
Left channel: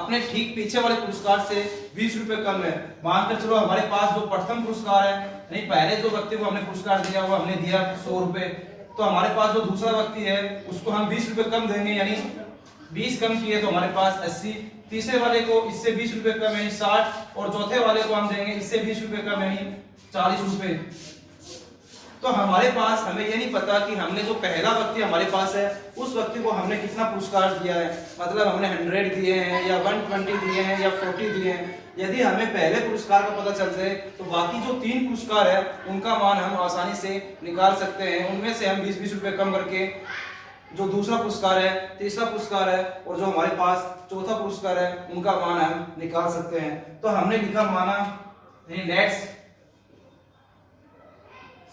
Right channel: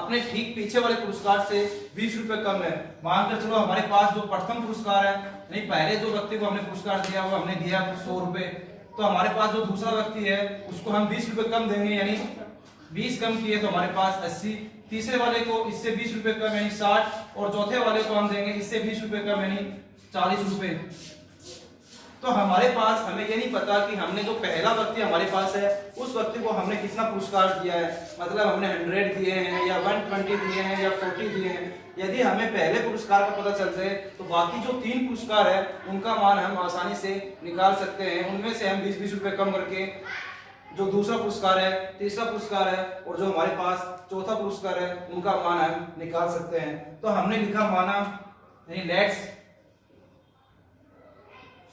अपने ठीक पीछे वाले पुरस्कार से 20 रुपए कम है। मानकर चलो हमारे पास जो प्रथम पुरस्कार है, यानी पहले जो व्यक्ति को हमने पुरस्कार दिया वो हमने दिया 100 रुपए, तो हमारे पास जो दूसरा व्यक्ति है उसको हम 20 रुपए कम देंगे, यानी 20 कम किए तो हमारे पास 80। तीसरे वाले को इससे 20 रुपए कम यानी 60 और चौथे वाले को हम देंगे इससे 20 रुपए कम यानी 40 रुपए। तो हमारे पास हमें ये नहीं पता कि हमने जो पहला व्यक्ति हमारे पास है उस व्यक्ति को हमने कितना पुरस्कार दिया है, मतलब हमने 100 दिए हैं या 120 दिए हैं या 40 दिए हैं। यदि हमें पहले पुरस्कार का पता चल जाए तो बाकी जो 3 पुरस्कार है उनका मान हम आसानी से निकाल सकते हैं। उनमें से हम 20-20 रुपए कम करके जो दूसरा पुरस्कार है, तीसरा पुरस्कार है और जो हमारे पास चौथा पुरस्कार है उनका मान हम निकाल सकते हैं। तो हमने लिखा माना लेट्स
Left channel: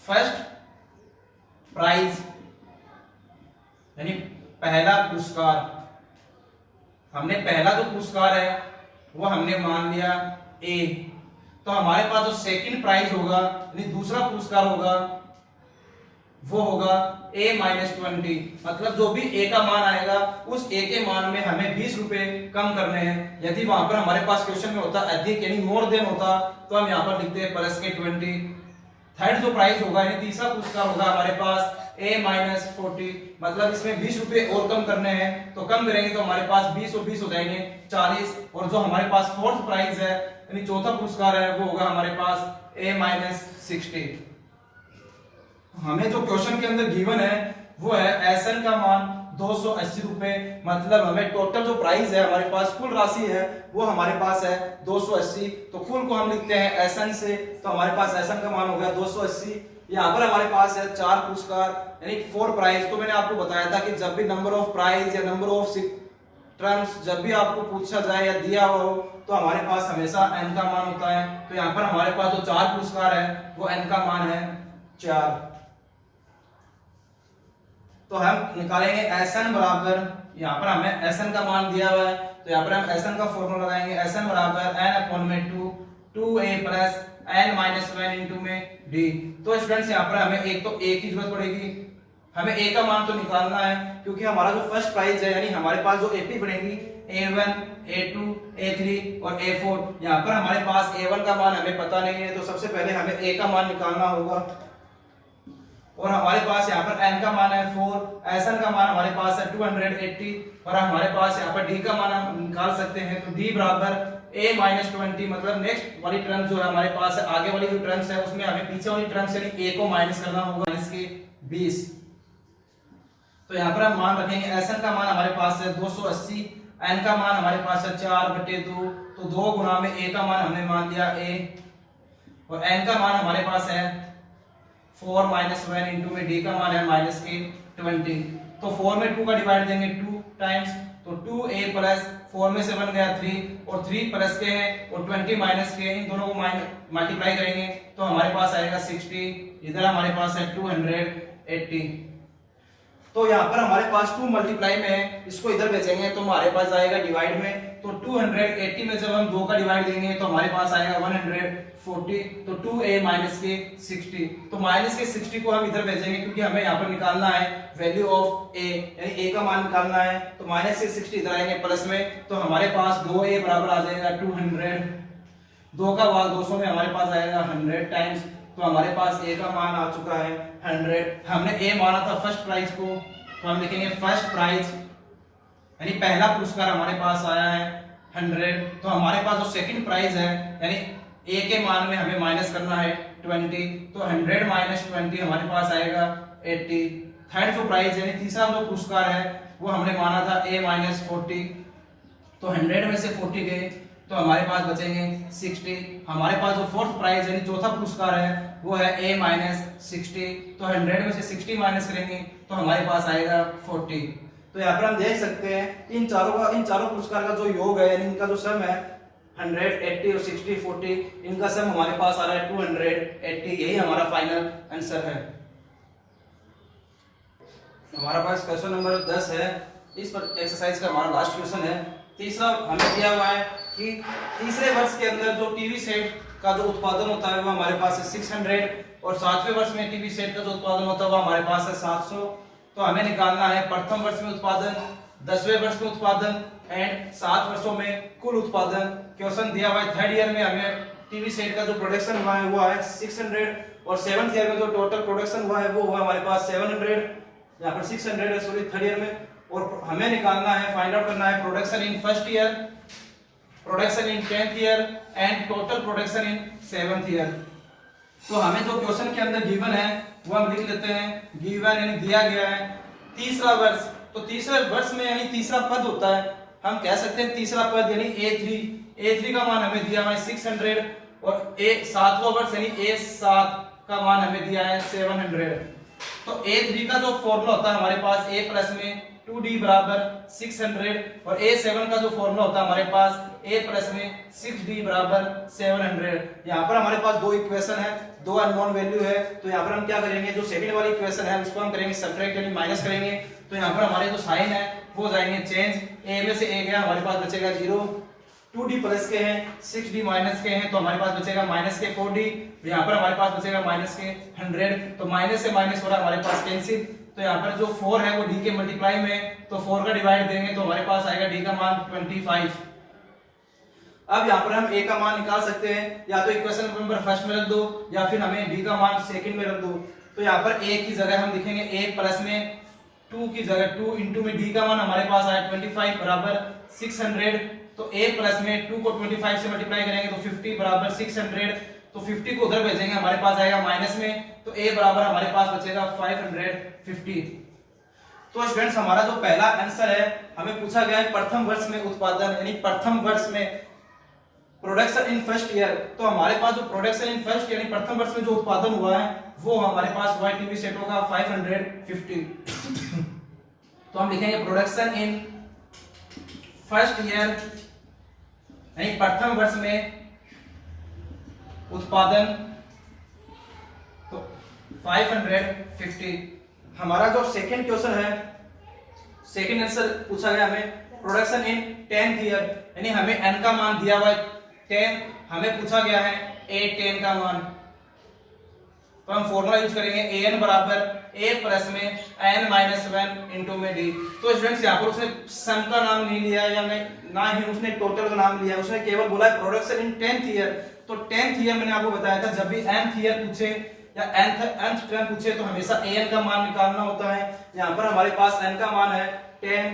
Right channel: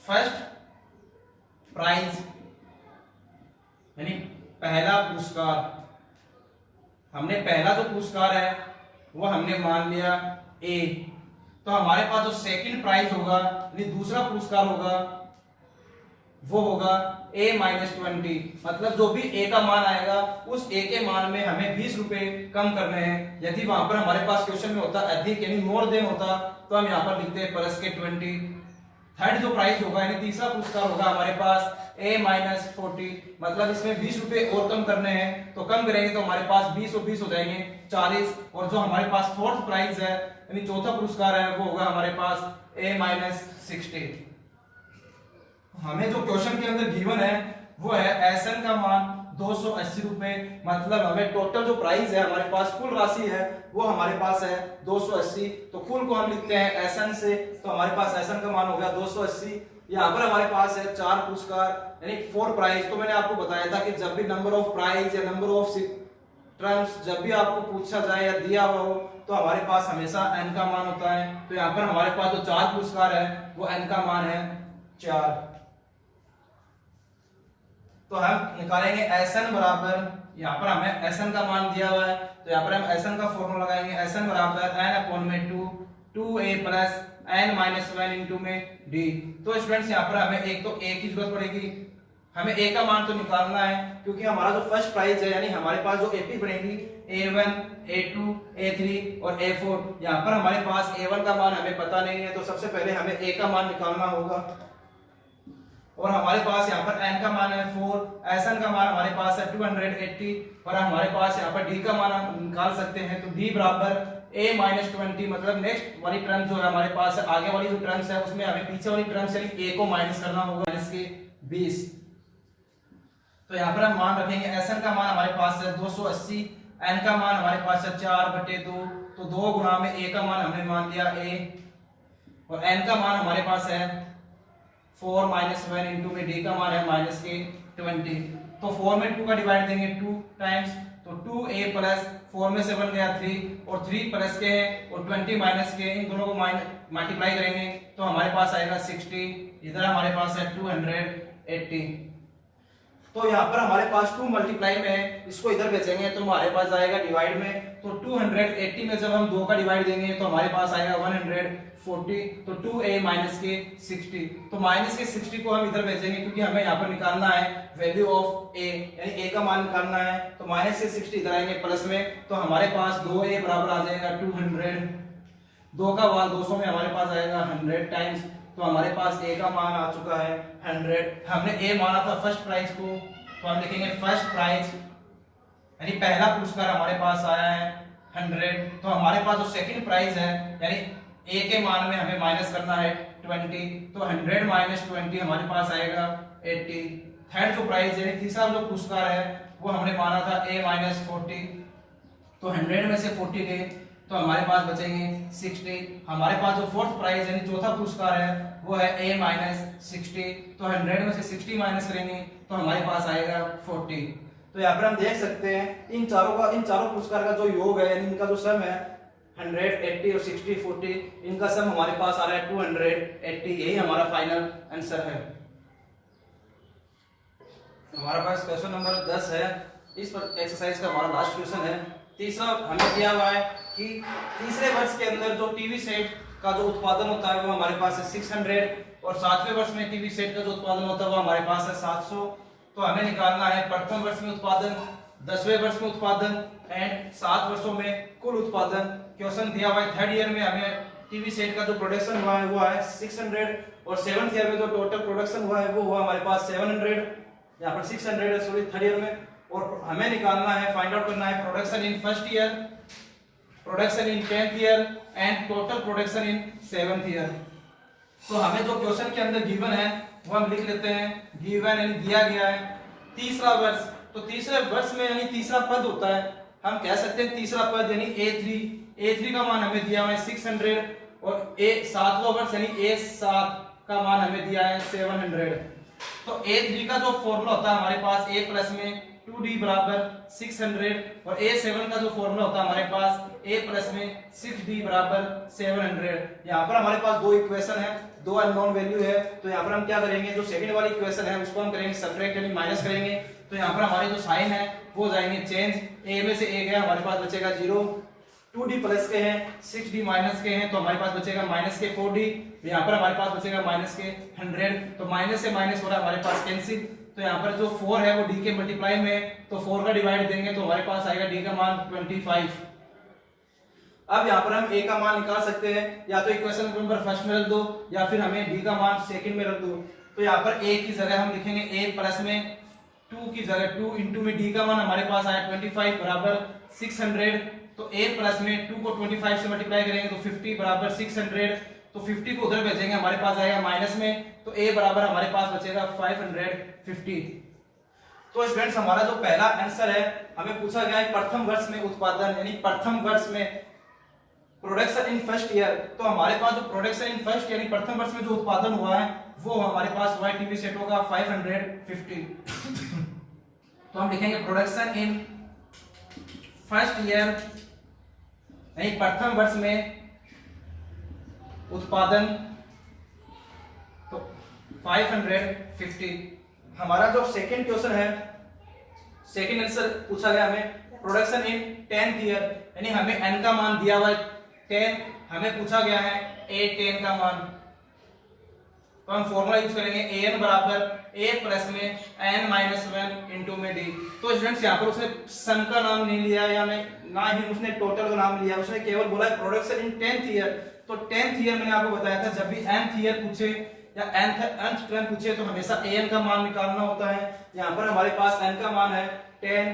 फर्स्ट प्राइज यानी पहला पुरस्कार, हमने पहला जो पुरस्कार है वो हमने मान लिया ए, तो हमारे पास जो सेकंड प्राइज होगा यानी दूसरा पुरस्कार होगा वो होगा a माइनस 20, मतलब जो भी a का मान आएगा उस a के मान में हमें 20 रुपए कम करने हैं। यदि वहां पर हमारे पास क्वेश्चन में होता अधिक यानी मोर देन होता तो हम यहाँ पर लिखते हैं प्लस के 20। थर्ड जो प्राइस होगा यानी तीसरा पुरस्कार होगा हमारे पास A-40, मतलब इसमें 20 रुपए और कम करने हैं, तो कम करेंगे तो हमारे पास 20 और 20 हो जाएंगे 40, और जो हमारे पास फोर्थ प्राइस है यानी चौथा पुरस्कार है वो होगा हमारे पास A-60। हमें जो क्वेश्चन के अंदर गिवन है वो है एसएन का मान 280 रुपए, मतलब हमें टोटल जो प्राइस है हमारे पास कुल राशि है वो हमारे पास है 280, तो कुल को हम लिखते हैं एसएन से, तो हमारे पास एसएन का मान हो गया 280। यहाँ पर हमारे पास है 4 पुरस्कार यानी 4 प्राइज। तो मैंने आपको बताया था कि जब भी नंबर ऑफ प्राइज या नंबर ऑफ टर्म्स जब भी आपको पूछा जाए या दिया हुआ हो तो हमारे पास हमेशा n का मान होता है। तो यहाँ पर हमारे पास जो 4 पुरस्कार है वो n का मान है 4। तो हम निकालेंगे Sn बराबर, यहाँ पर हमें Sn का मान दिया हुआ है तो यहाँ पर हम Sn का फॉर्मूला लगाएंगे। Sn बराबर n/2 2a plus n-1 into में d। तो स्टूडेंट्स यहाँ पर हमें एक तो a की जरूरत पड़ेगी, हमें a का मान तो निकालना है क्योंकि हमारा जो फर्स्ट प्राइस है यानी हमारे पास जो AP बनेगी A1 A2 A3 और A4। यहाँ पर हमारे पास A1 का मान हमें पता नहीं है तो सबसे पहले हमें a का मान निकालना होगा, और हमारे पास यहाँ पर n का मान है 4, Sn का मान हमारे पास है 280, और हमारे पास यहाँ पर d का मान हम निकाल सकते हैं। तो d बराबर A-20, मतलब नेक्स्ट वाली टर्म जो है हमारे पास है, आगे वाली जो टर्म्स है उसमें हमें पीछे वाली टर्म्स यानी a को माइनस करना होगा -20। तो यहाँ पर हम मान रखेंगे Sn का मान हमारे पास है 280, n का मान हमारे पास है 4/2, तो 2 गुना में a का मान हमने मान लिया a, और n का मान हमारे पास है 4-1 इंटू में d का मान है -20। तो 4 में 2 का डिवाइड देंगे 2 टाइम्स, तो 2a प्लस 4 में से बन गया 3 और 3 प्लस के हैं और 20 माइनस के, इन दोनों को मल्टीप्लाई करेंगे तो हमारे पास आएगा 60, इधर हमारे पास है 280। तो यहाँ पर हमारे पास 2 मल्टीप्लाई में है, इसको इधर भेजेंगे तो हमारे पास आएगा डिवाइड में, तो 280 में जब हम 2 का डिवाइड देंगे तो हमारे पास आएगा 140, तो 2a माइनस के 60, तो माइनस के 60 को हम इधर भेजेंगे क्योंकि हमें यहाँ पर निकालना है वैल्यू ऑफ a यानी a का मान निकालना है। तो माइनस के 60 इधर आएंगे प्लस में, तो हमारे पास 2a बराबर आ जाएगा 200, 2 का भाग 200 में हमारे पास आएगा 100 टाइम्स, तो हमारे पास a का मान आ चुका है 100। हमने a माना था फर्स्ट प्राइस को, तो हम लिखेंगे फर्स्ट प्राइस यानी पहला पुरस्कार हमारे पास आया है 100। तो हमारे पास जो सेकंड प्राइस है यानी a के मान में हमें माइनस करना है 20, तो 100 माइनस 20 हमारे पास आएगा 80। थर्ड जो प्राइस यानी तीसरा जो पुरस्कार है वो हमने माना था A-40, तो 100 में से 40 गए तो हमारे पास बचेंगे 60। हमारे पास जो फोर्थ प्राइस यानी चौथा पुरस्कार है वो है A-60, तो 100 में से 60 माइनस करेंगे तो हमारे पास आएगा 40। तो यहाँ पर हम देख सकते हैं इन चारों पुरस्कार का जो योग है यानी इनका जो सम है 100, 80 और 60, 40, इनका सम हमारे पास आ रहा है 280। यही हमारा फाइनल आंसर है। हमारा पास क्वेश्चन नंबर 10 है, इस पर एक्सरसाइज का हमारा लास्ट क्वेश्चन है। तीसरा हमें दिया हुआ है कि तीसरे वर्ष के अंदर जो टीवी सेट का जो उत्पादन होता है वो हमारे पास है 600, और 7वें वर्ष में टीवी सेट का जो उत्पादन होता है वो हमारे पास है 700। तो हमें निकालना है प्रथम वर्ष में उत्पादन, 10वें वर्ष में उत्पादन एंड 7 वर्षों में कुल उत्पादन। क्वेश्चन दिया हुआ है थर्ड ईयर में हमें टीवी सेट का जो प्रोडक्शन हुआ है वो है 600, और 7th ईयर में जो टोटल प्रोडक्शन हुआ है वो हुआ हमारे पास 700, यहाँ पर 600 है सॉरी थर्ड ईयर में। और हमें निकालना है, फाइंड आउट करना है production in first year, production in 10th year and total production in 7th year. तो हमें जो क्वेश्चन के अंदर गिवन है वो हम लिख लेते हैं, गिवन यानी दिया गया है तीसरा वर्ष, तो तीसरे वर्ष में यानी तीसरा पद होता है, हम कह सकते हैं तीसरा पद यानी A3 का मान हमें दिया हुआ है 600, और सातवां वर्ष यानी A7 का मान हमें दिया है 700। तो A3 का जो फॉर्मूला होता है हमारे पास A प्लस में 2D बराबर 600, और A7 का जो फॉर्मूला होता है हमारे पास A प्लस में 6D बराबर 700। यहाँ पर हमारे पास दो इक्वेशन है, दो अननोन वैल्यू है, तो यहाँ पर हम क्या करेंगे, जो सेकंड वाली इक्वेशन है उसको हम करेंगे सब्ट्रैक्ट यानी माइनस करेंगे। तो यहाँ पर हमारे जो साइन है वो हो जाएंगे चेंज, A में से A गया हमारे पास बचेगा 0, 2D प्लस के हैं 6D माइनस के हैं तो हमारे पास बचेगा माइनस के 4D, यहाँ पर हमारे पास बचेगा माइनस के 100, तो माइनस से माइनस हो रहा है हमारे पास कैंसिल। तो यहाँ पर जो 4 है वो D के मल्टीप्लाई में, तो 4 का डिवाइड देंगे तो हमारे पास आएगा D का मान 25। अब यहाँ पर हम a का मान निकाल सकते हैं, या तो इक्वेशन नंबर फर्स्ट में रख दो या फिर हमें d का मान सेकंड में रख दो। तो यहाँ पर a की जगह हम लिखेंगे a प्लस में 2 की जगह 2 इंटू में d का मान हमारे पास आया 25 बराबर 600। तो a प्लस में 2 को 25 से मल्टीप्लाई करेंगे तो 50 बराबर 600। तो 50 को उधर भेजेंगे, हमारे पास आएगा माइनस में, तो a बराबर हमारे पास बचेगा 550। तो स्टूडेंट्स हमारा जो पहला आंसर है, हमें पूछा गया है प्रथम वर्ष में उत्पादन, यानी प्रथम वर्ष में प्रोडक्शन इन फर्स्ट ईयर। तो हमारे पास जो प्रोडक्शन इन फर्स्ट यानी प्रथम वर्ष में जो उत्पादन हुआ है वो हमारे पास वाई टीवी सेट होगा 550। तो हम लिखेंगे प्रोडक्शन इन फर्स्ट ईयर यानी प्रथम वर्ष में उत्पादन, तो 550। हमारा जो सेकंड क्वेश्चन है, सेकंड आंसर पूछा गया हमें प्रोडक्शन इन 10th ईयर, यानी हमें n का मान दिया हुआ है 10, हमें पूछा गया है a10 का मान। तो हम फॉर्मूला यूज करेंगे an बराबर a प्लस में n माइनस 1 इंटू में d। तो स्टूडेंट्स यहाँ पर उसने सम का नाम नहीं लिया या ना ही उसने टोटल का नाम लिया, उसने केवल बोला है प्रोडक्शन इन 10th ईयर। तो 10th ईयर मैंने आपको बताया था जब भी nth ईयर पूछे या nth टर्म पूछे तो हमेशा an का मान निकालना होता है। यहाँ पर हमारे पास n का मान है 10,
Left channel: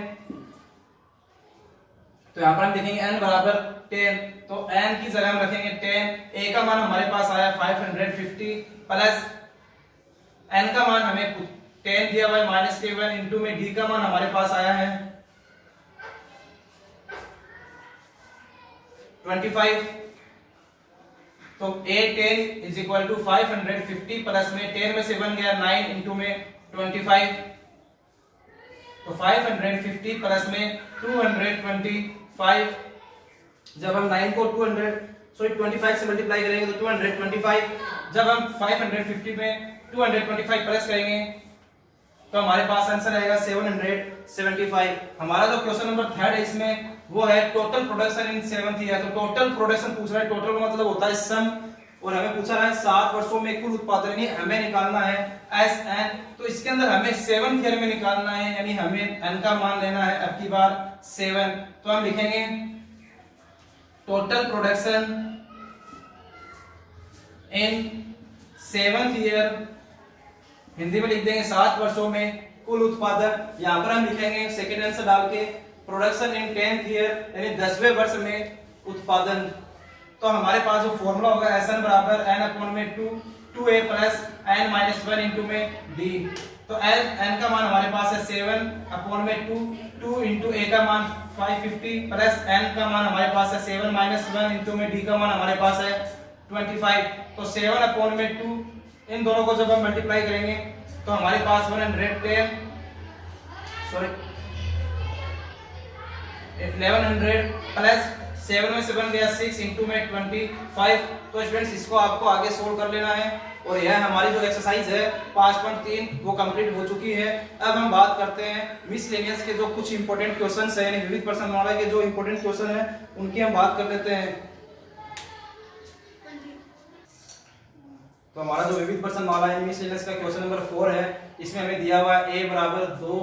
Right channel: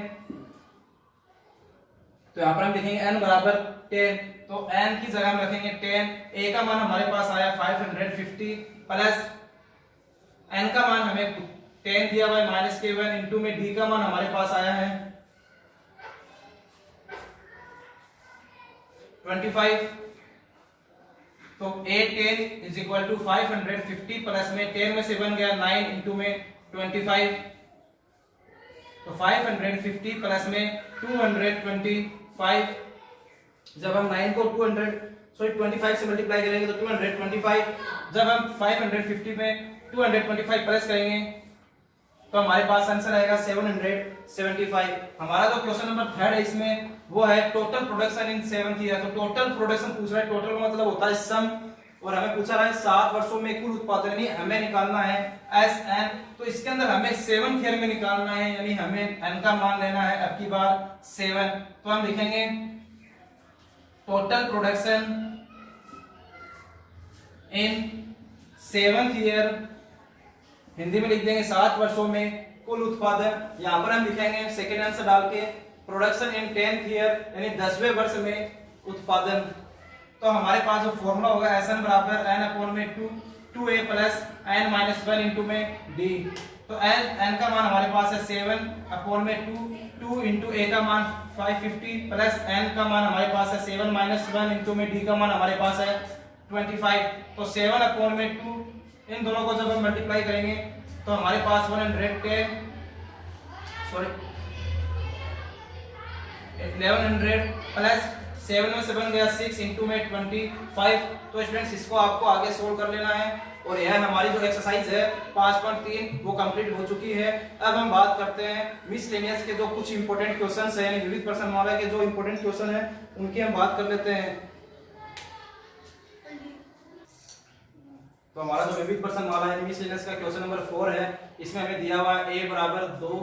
तो यहाँ पर हम लिखेंगे n बराबर 10, तो n की जगह हम रखेंगे 10, a का मान हमारे पास आया 550 प्लस n का मान हमें 10 दिया हुआ है माइनस 1 इंटू में d का मान हमारे पास आया है 25। तो a10 is equal to 550 plus में 10 में से 1 गया 9 इंटू में 25, तो 550 प्लस में 225। जब हम 9 को 25 से मल्टीप्लाई करेंगे तो 225। जब हम 550 में 225 प्लस करेंगे तो हमारे पास आंसर आएगा 775। हमारा जो क्वेश्चन नंबर थर्ड है इसमें वो है total production in 7th year. तो टोटल प्रोडक्शन पूछ रहा है, टोटल का मतलब होता है सम, और हमें पूछा रहा है 7 वर्षों में कुल उत्पादन, यानी हमें निकालना है SN। तो इसके अंदर हमें 7th ईयर में निकालना है, यानी हमें n का मान लेना है अब की बार 7। तो हम लिखेंगे total production in 7th year, Hindi में लिख देंगे 7 वर्षों में कुल उत्पादन। यहाँ पर हम लिखेंगे सेकेंड आंसर डाल के प्रोडक्शन इन 10th ईयर यानी 10वें वर्ष में उत्पादन। तो हमारे पास जो फॉर्मूला होगा SN बराबर n अपॉन में 2a plus n minus 1 into में d। तो n का मान हमारे पास है 7 अपॉन में 2 इंटू a का मान 550 प्लस n का मान हमारे पास है 7 माइनस 1 इंटू में d का मान हमारे पास है 25। तो 7 अपॉन में 2, इन दोनों को जब हम मल्टीप्लाई करेंगे तो हमारे पास 1100 प्लस 7 में से बन गया 6 इंटू में 25। तो स्टूडेंट्स इसको आपको आगे सोल्व कर लेना है, और यह हमारी जो एक्सरसाइज है 5.3 वो कंप्लीट हो चुकी है। अब हम बात करते हैं मिसलेनियस के जो कुछ इंपॉर्टेंट क्वेश्चंस हैं, यानी विविध प्रश्नमाला के जो इंपॉर्टेंट क्वेश्चन है उनकी हम बात कर लेते हैं। तो हमारा जो विविध प्रश्नमाला है मिसलेनियस का क्वेश्चन नंबर 4 है, इसमें हमें दिया हुआ है a बराबर 2,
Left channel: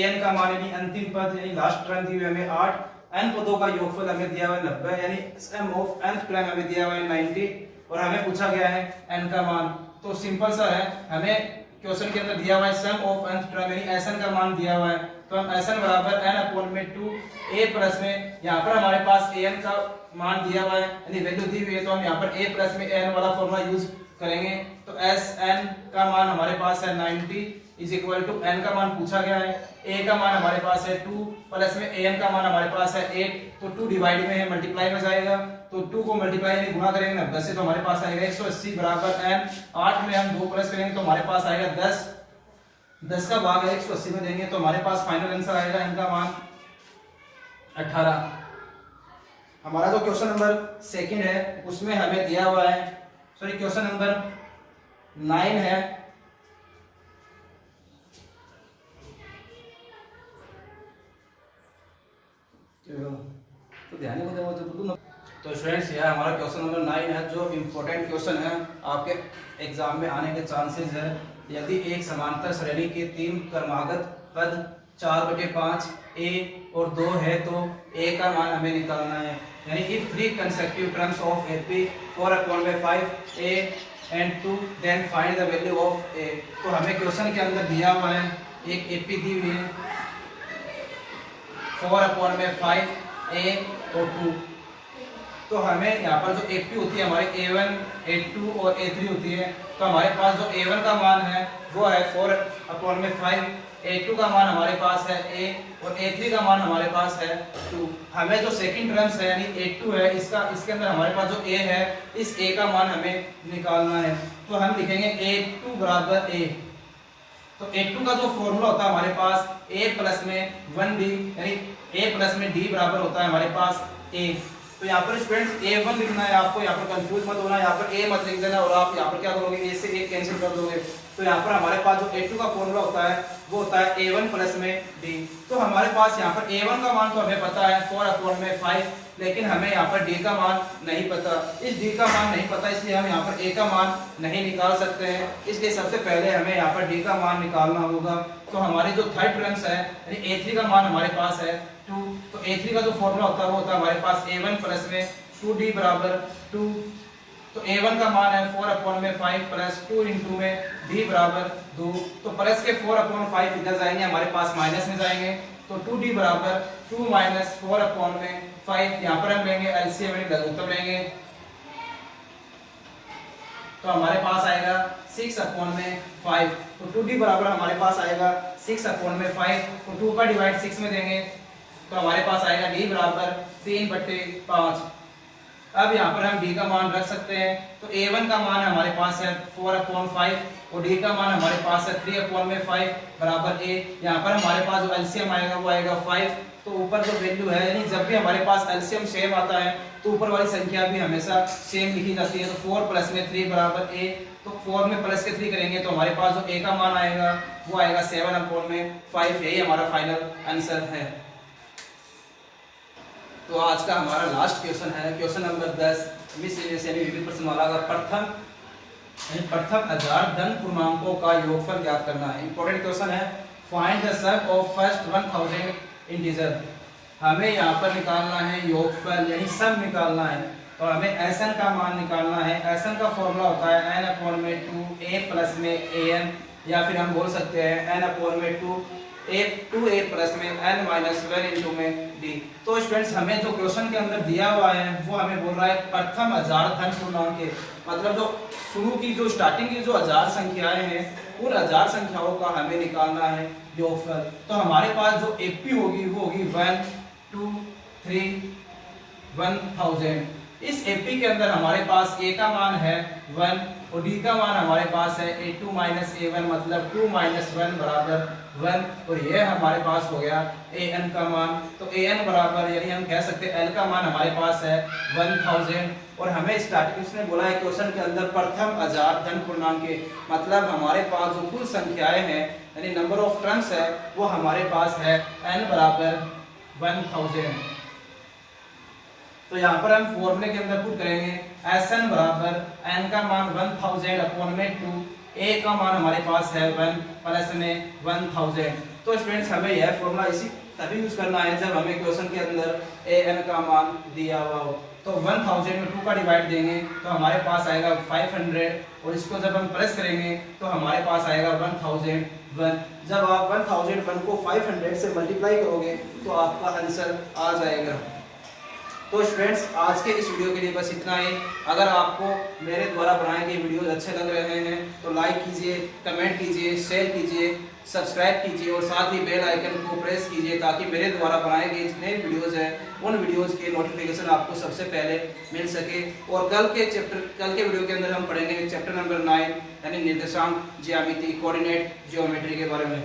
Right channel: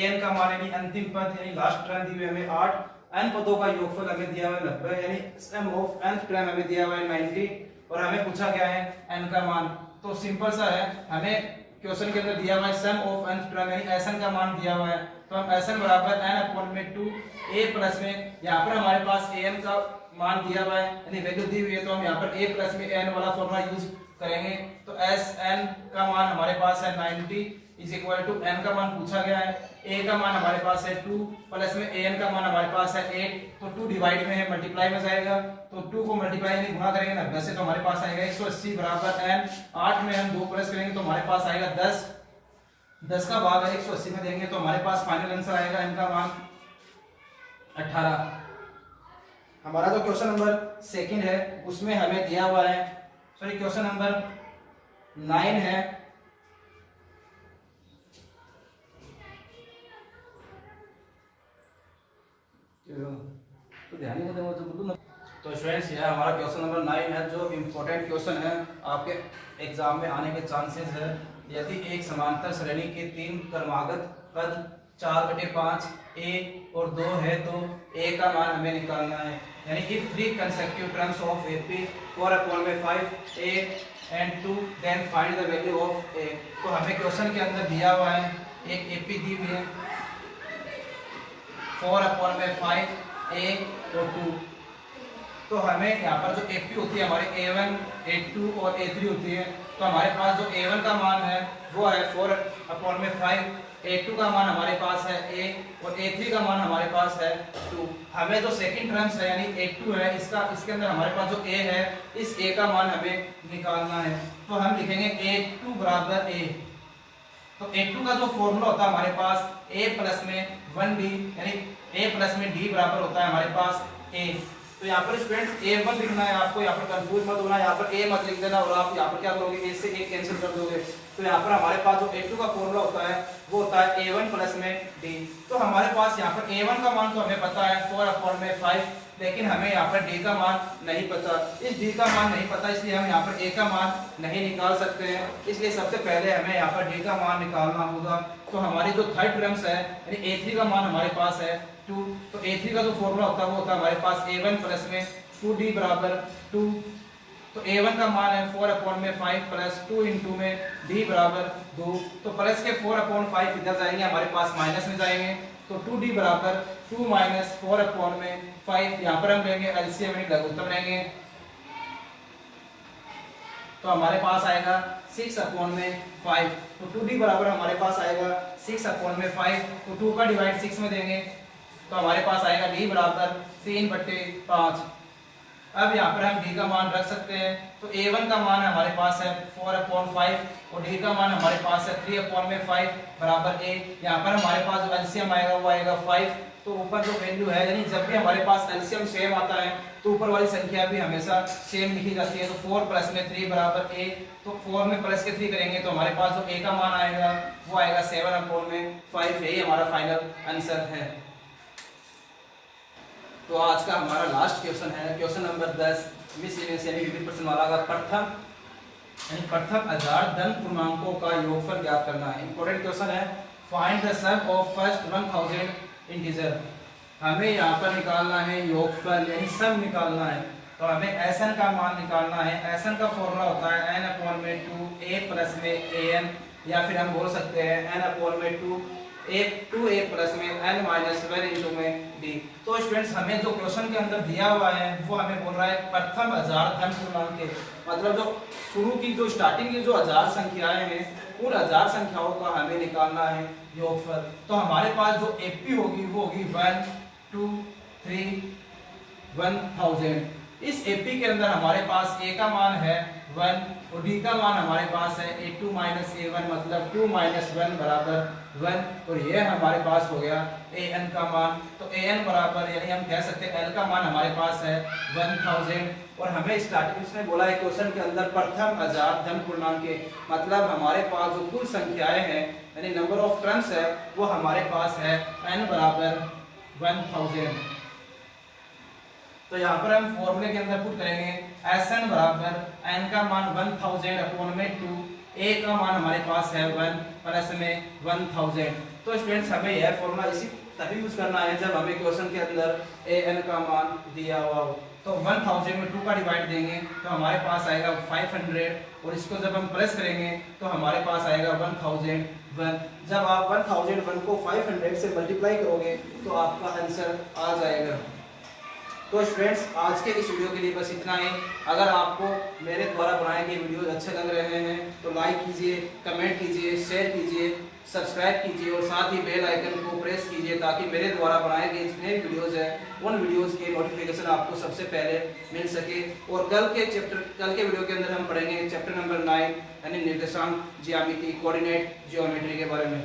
an का मान यानी अंतिम पद यानी लास्ट टर्म दी हुई हमें 8, n पदों का योगफल हमें दिया हुआ है 90, यानी सम ऑफ nth टर्म हमें दिया हुआ है 90, और हमें पूछा गया है n का मान। तो सिंपल सा है, हमें क्वेश्चन के अंदर दिया हुआ है सम ऑफ nth टर्म यानी sn का मान दिया हुआ है, तो हम sn बराबर n अपॉन में 2 a प्लस में, यहाँ पर हमारे पास an का मान दिया हुआ है यानी वैल्यू दी हुई है, तो हम यहाँ पर a प्लस में n वाला फॉर्मूला यूज करेंगे। तो Sn का मान हमारे पास है 90 इज इक्वल टू n का मान पूछा गया है, a का मान हमारे पास है 2 प्लस में an का मान हमारे पास है 8, तो 2 डिवाइड में है मल्टीप्लाई में जाएगा, तो 2 को मल्टीप्लाई यानी गुणा करेंगे 90 से तो हमारे पास आएगा 180 बराबर n। 8 में हम 2 प्लस करेंगे तो हमारे पास आएगा 10, 10 का भाग 180 में देंगे तो हमारे पास फाइनल आंसर आएगा n का मान 18। हमारा जो क्वेश्चन नंबर सेकंड है उसमें हमें दिया हुआ है, सॉरी क्वेश्चन नंबर 9 है, तो ध्यान ही तो स्टूडेंट्स यह हमारा क्वेश्चन नंबर 9 है जो इम्पोर्टेंट क्वेश्चन है, आपके एग्जाम में आने के चांसेस है। यदि एक समांतर श्रेणी के 3 क्रमागत पद 4/5 ए और 2 है तो ए का मान हमें निकालना है। यानी if 3 consecutive terms of AP 4/5 a and 2 then find the value of a. तो हमें क्वेश्चन के अंदर दिया हुआ है एक एपी दी हुई है 4/5 ए और 2। तो हमें यहाँ पर जो एपी होती है हमारी A1, A2 और A3 होती है। तो हमारे पास जो A1 का मान है वो है 4/5, A2 का मान हमारे पास है A और A3 का मान हमारे पास है 2। हमें जो सेकंड टर्म्स है यानी A2 है इसके अंदर हमारे पास जो A है इस A का मान हमें निकालना है। तो हम लिखेंगे A2 बराबर A। तो A2 का जो फॉर्मूला होता है हमारे पास A प्लस में 1D यानी A प्लस में D बराबर होता है हमारे पास A। तो यहाँ पर स्टूडेंट A1 लिखना है आपको, यहाँ पर कंफ्यूज मत होना, यहाँ पर A मत लिख देना और आप यहाँ पर क्या करोगे A से A कैंसिल कर दोगे। तो यहाँ पर हमारे पास जो A2 का फॉर्मूला होता है वो होता है A1 प्लस में D। तो हमारे पास यहाँ पर A1 का मान तो हमें पता है 4/5, लेकिन हमें यहाँ पर D का मान नहीं पता। इस D का मान नहीं पता इसलिए हम यहाँ पर A का मान नहीं निकाल सकते हैं। इसलिए सबसे पहले हमें यहाँ पर D का मान निकालना होगा। तो हमारी जो थर्ड टर्म्स है यानी A3 का मान हमारे पास है 2। तो A3 का जो फॉर्मूला होता है वो होता है हमारे पास A1 प्लस में 2D बराबर 2। तो A1 का मान है 4/5 प्लस 2 इंटू में D बराबर 2। तो प्लस के 4/5 इधर जाएंगे हमारे पास माइनस में जाएंगे। तो 2D बराबर 2 माइनस 4/5। यहाँ पर हम लेंगे एलसीएम लघुत्तम लेंगे तो हमारे पास आएगा 6/5। तो 2D बराबर हमारे पास आएगा 6/5। तो 2 का डिवाइड 6 में देंगे तो हमारे पास आएगा D बराबर 3/5। अब यहाँ पर हम D का मान रख सकते हैं। तो A1 का मान हमारे पास है 4/5 और D का मान हमारे पास है 3/5 बराबर A। यहाँ पर हमारे पास जो एलसीएम आएगा वो आएगा 5। तो ऊपर जो वैल्यू है यानी जब भी हमारे पास एलसीएम सेम आता है तो ऊपर वाली संख्या भी हमेशा सेम लिखी जाती है। तो 4 प्लस में 3 बराबर A। तो 4 में प्लस के 3 करेंगे तो हमारे पास जो A का मान आएगा वो आएगा 7/5। यही हमारा फाइनल आंसर है। तो आज का हमारा लास्ट क्वेश्चन है क्वेश्चन नंबर 10 मिसलेनियस यानी विविध प्रश्न वाला का प्रथम हजार धन पूर्णांकों का योगफल ज्ञात करना है। इंपॉर्टेंट क्वेश्चन है। Find the sum of first 1000 integer. हमें यहाँ पर निकालना है योगफल यानी सम निकालना है। तो हमें Sn का मान निकालना है। Sn का फॉर्मूला होता है n/2 a प्लस में an या फिर हम बोल सकते हैं n/2 2a प्लस में n माइनस 1 इंटू में d। तो स्टूडेंट्स हमें जो क्वेश्चन के अंदर दिया हुआ है वो हमें बोल रहा है प्रथम हजार धन पूर्णांक के, मतलब जो शुरू की जो स्टार्टिंग की जो हजार संख्याएं हैं उन हजार संख्याओं का हमें निकालना है योगफल। तो हमारे पास जो एपी होगी वो होगी 1 2 3 1000। इस एपी के अंदर हमारे पास a का मान है 1 और d का मान हमारे पास है a2 माइनस a1 मतलब 2 माइनस 1 बराबर 1। और ये हमारे पास हो गया an का मान। तो an बराबर यानी हम कह सकते हैं l का मान हमारे पास है 1000। और हमें स्टार्टिंग में बोला है क्वेश्चन के अंदर प्रथम हजार धन पूर्णांक के, मतलब हमारे पास जो कुल संख्याएं हैं यानी नंबर ऑफ टर्म्स है वो हमारे पास है n बराबर 1000। तो यहाँ पर हम फॉर्मूले के अंदर पुट करेंगे Sn बराबर n का मान 1000/2 a का मान हमारे पास है 1 प्लस में 1000। तो स्टूडेंट्स हमें यह फॉर्मूला इसी तभी यूज करना है जब हमें क्वेश्चन के अंदर an का मान दिया हुआ हो। तो 1000 में 2 का डिवाइड देंगे तो हमारे पास आएगा 500 और इसको जब हम प्लस करेंगे तो हमारे पास आएगा 1001। जब आप 1001 को 500 से मल्टीप्लाई करोगे तो आपका आंसर आ जाएगा। तो स्टूडेंट्स आज के इस वीडियो के लिए बस इतना ही। अगर आपको मेरे द्वारा बनाए गए वीडियोस अच्छे लग रहे हैं तो लाइक कीजिए, कमेंट कीजिए, शेयर कीजिए, सब्सक्राइब कीजिए और साथ ही बेल आइकन को प्रेस कीजिए ताकि मेरे द्वारा बनाए गए जितने वीडियोस हैं उन वीडियोस के नोटिफिकेशन आपको सबसे पहले मिल सके। और कल के वीडियो के अंदर हम पढ़ेंगे चैप्टर नंबर 9 यानी निर्देशांक, ज्यामिति, कोऑर्डिनेट, ज्योमेट्री के बारे में।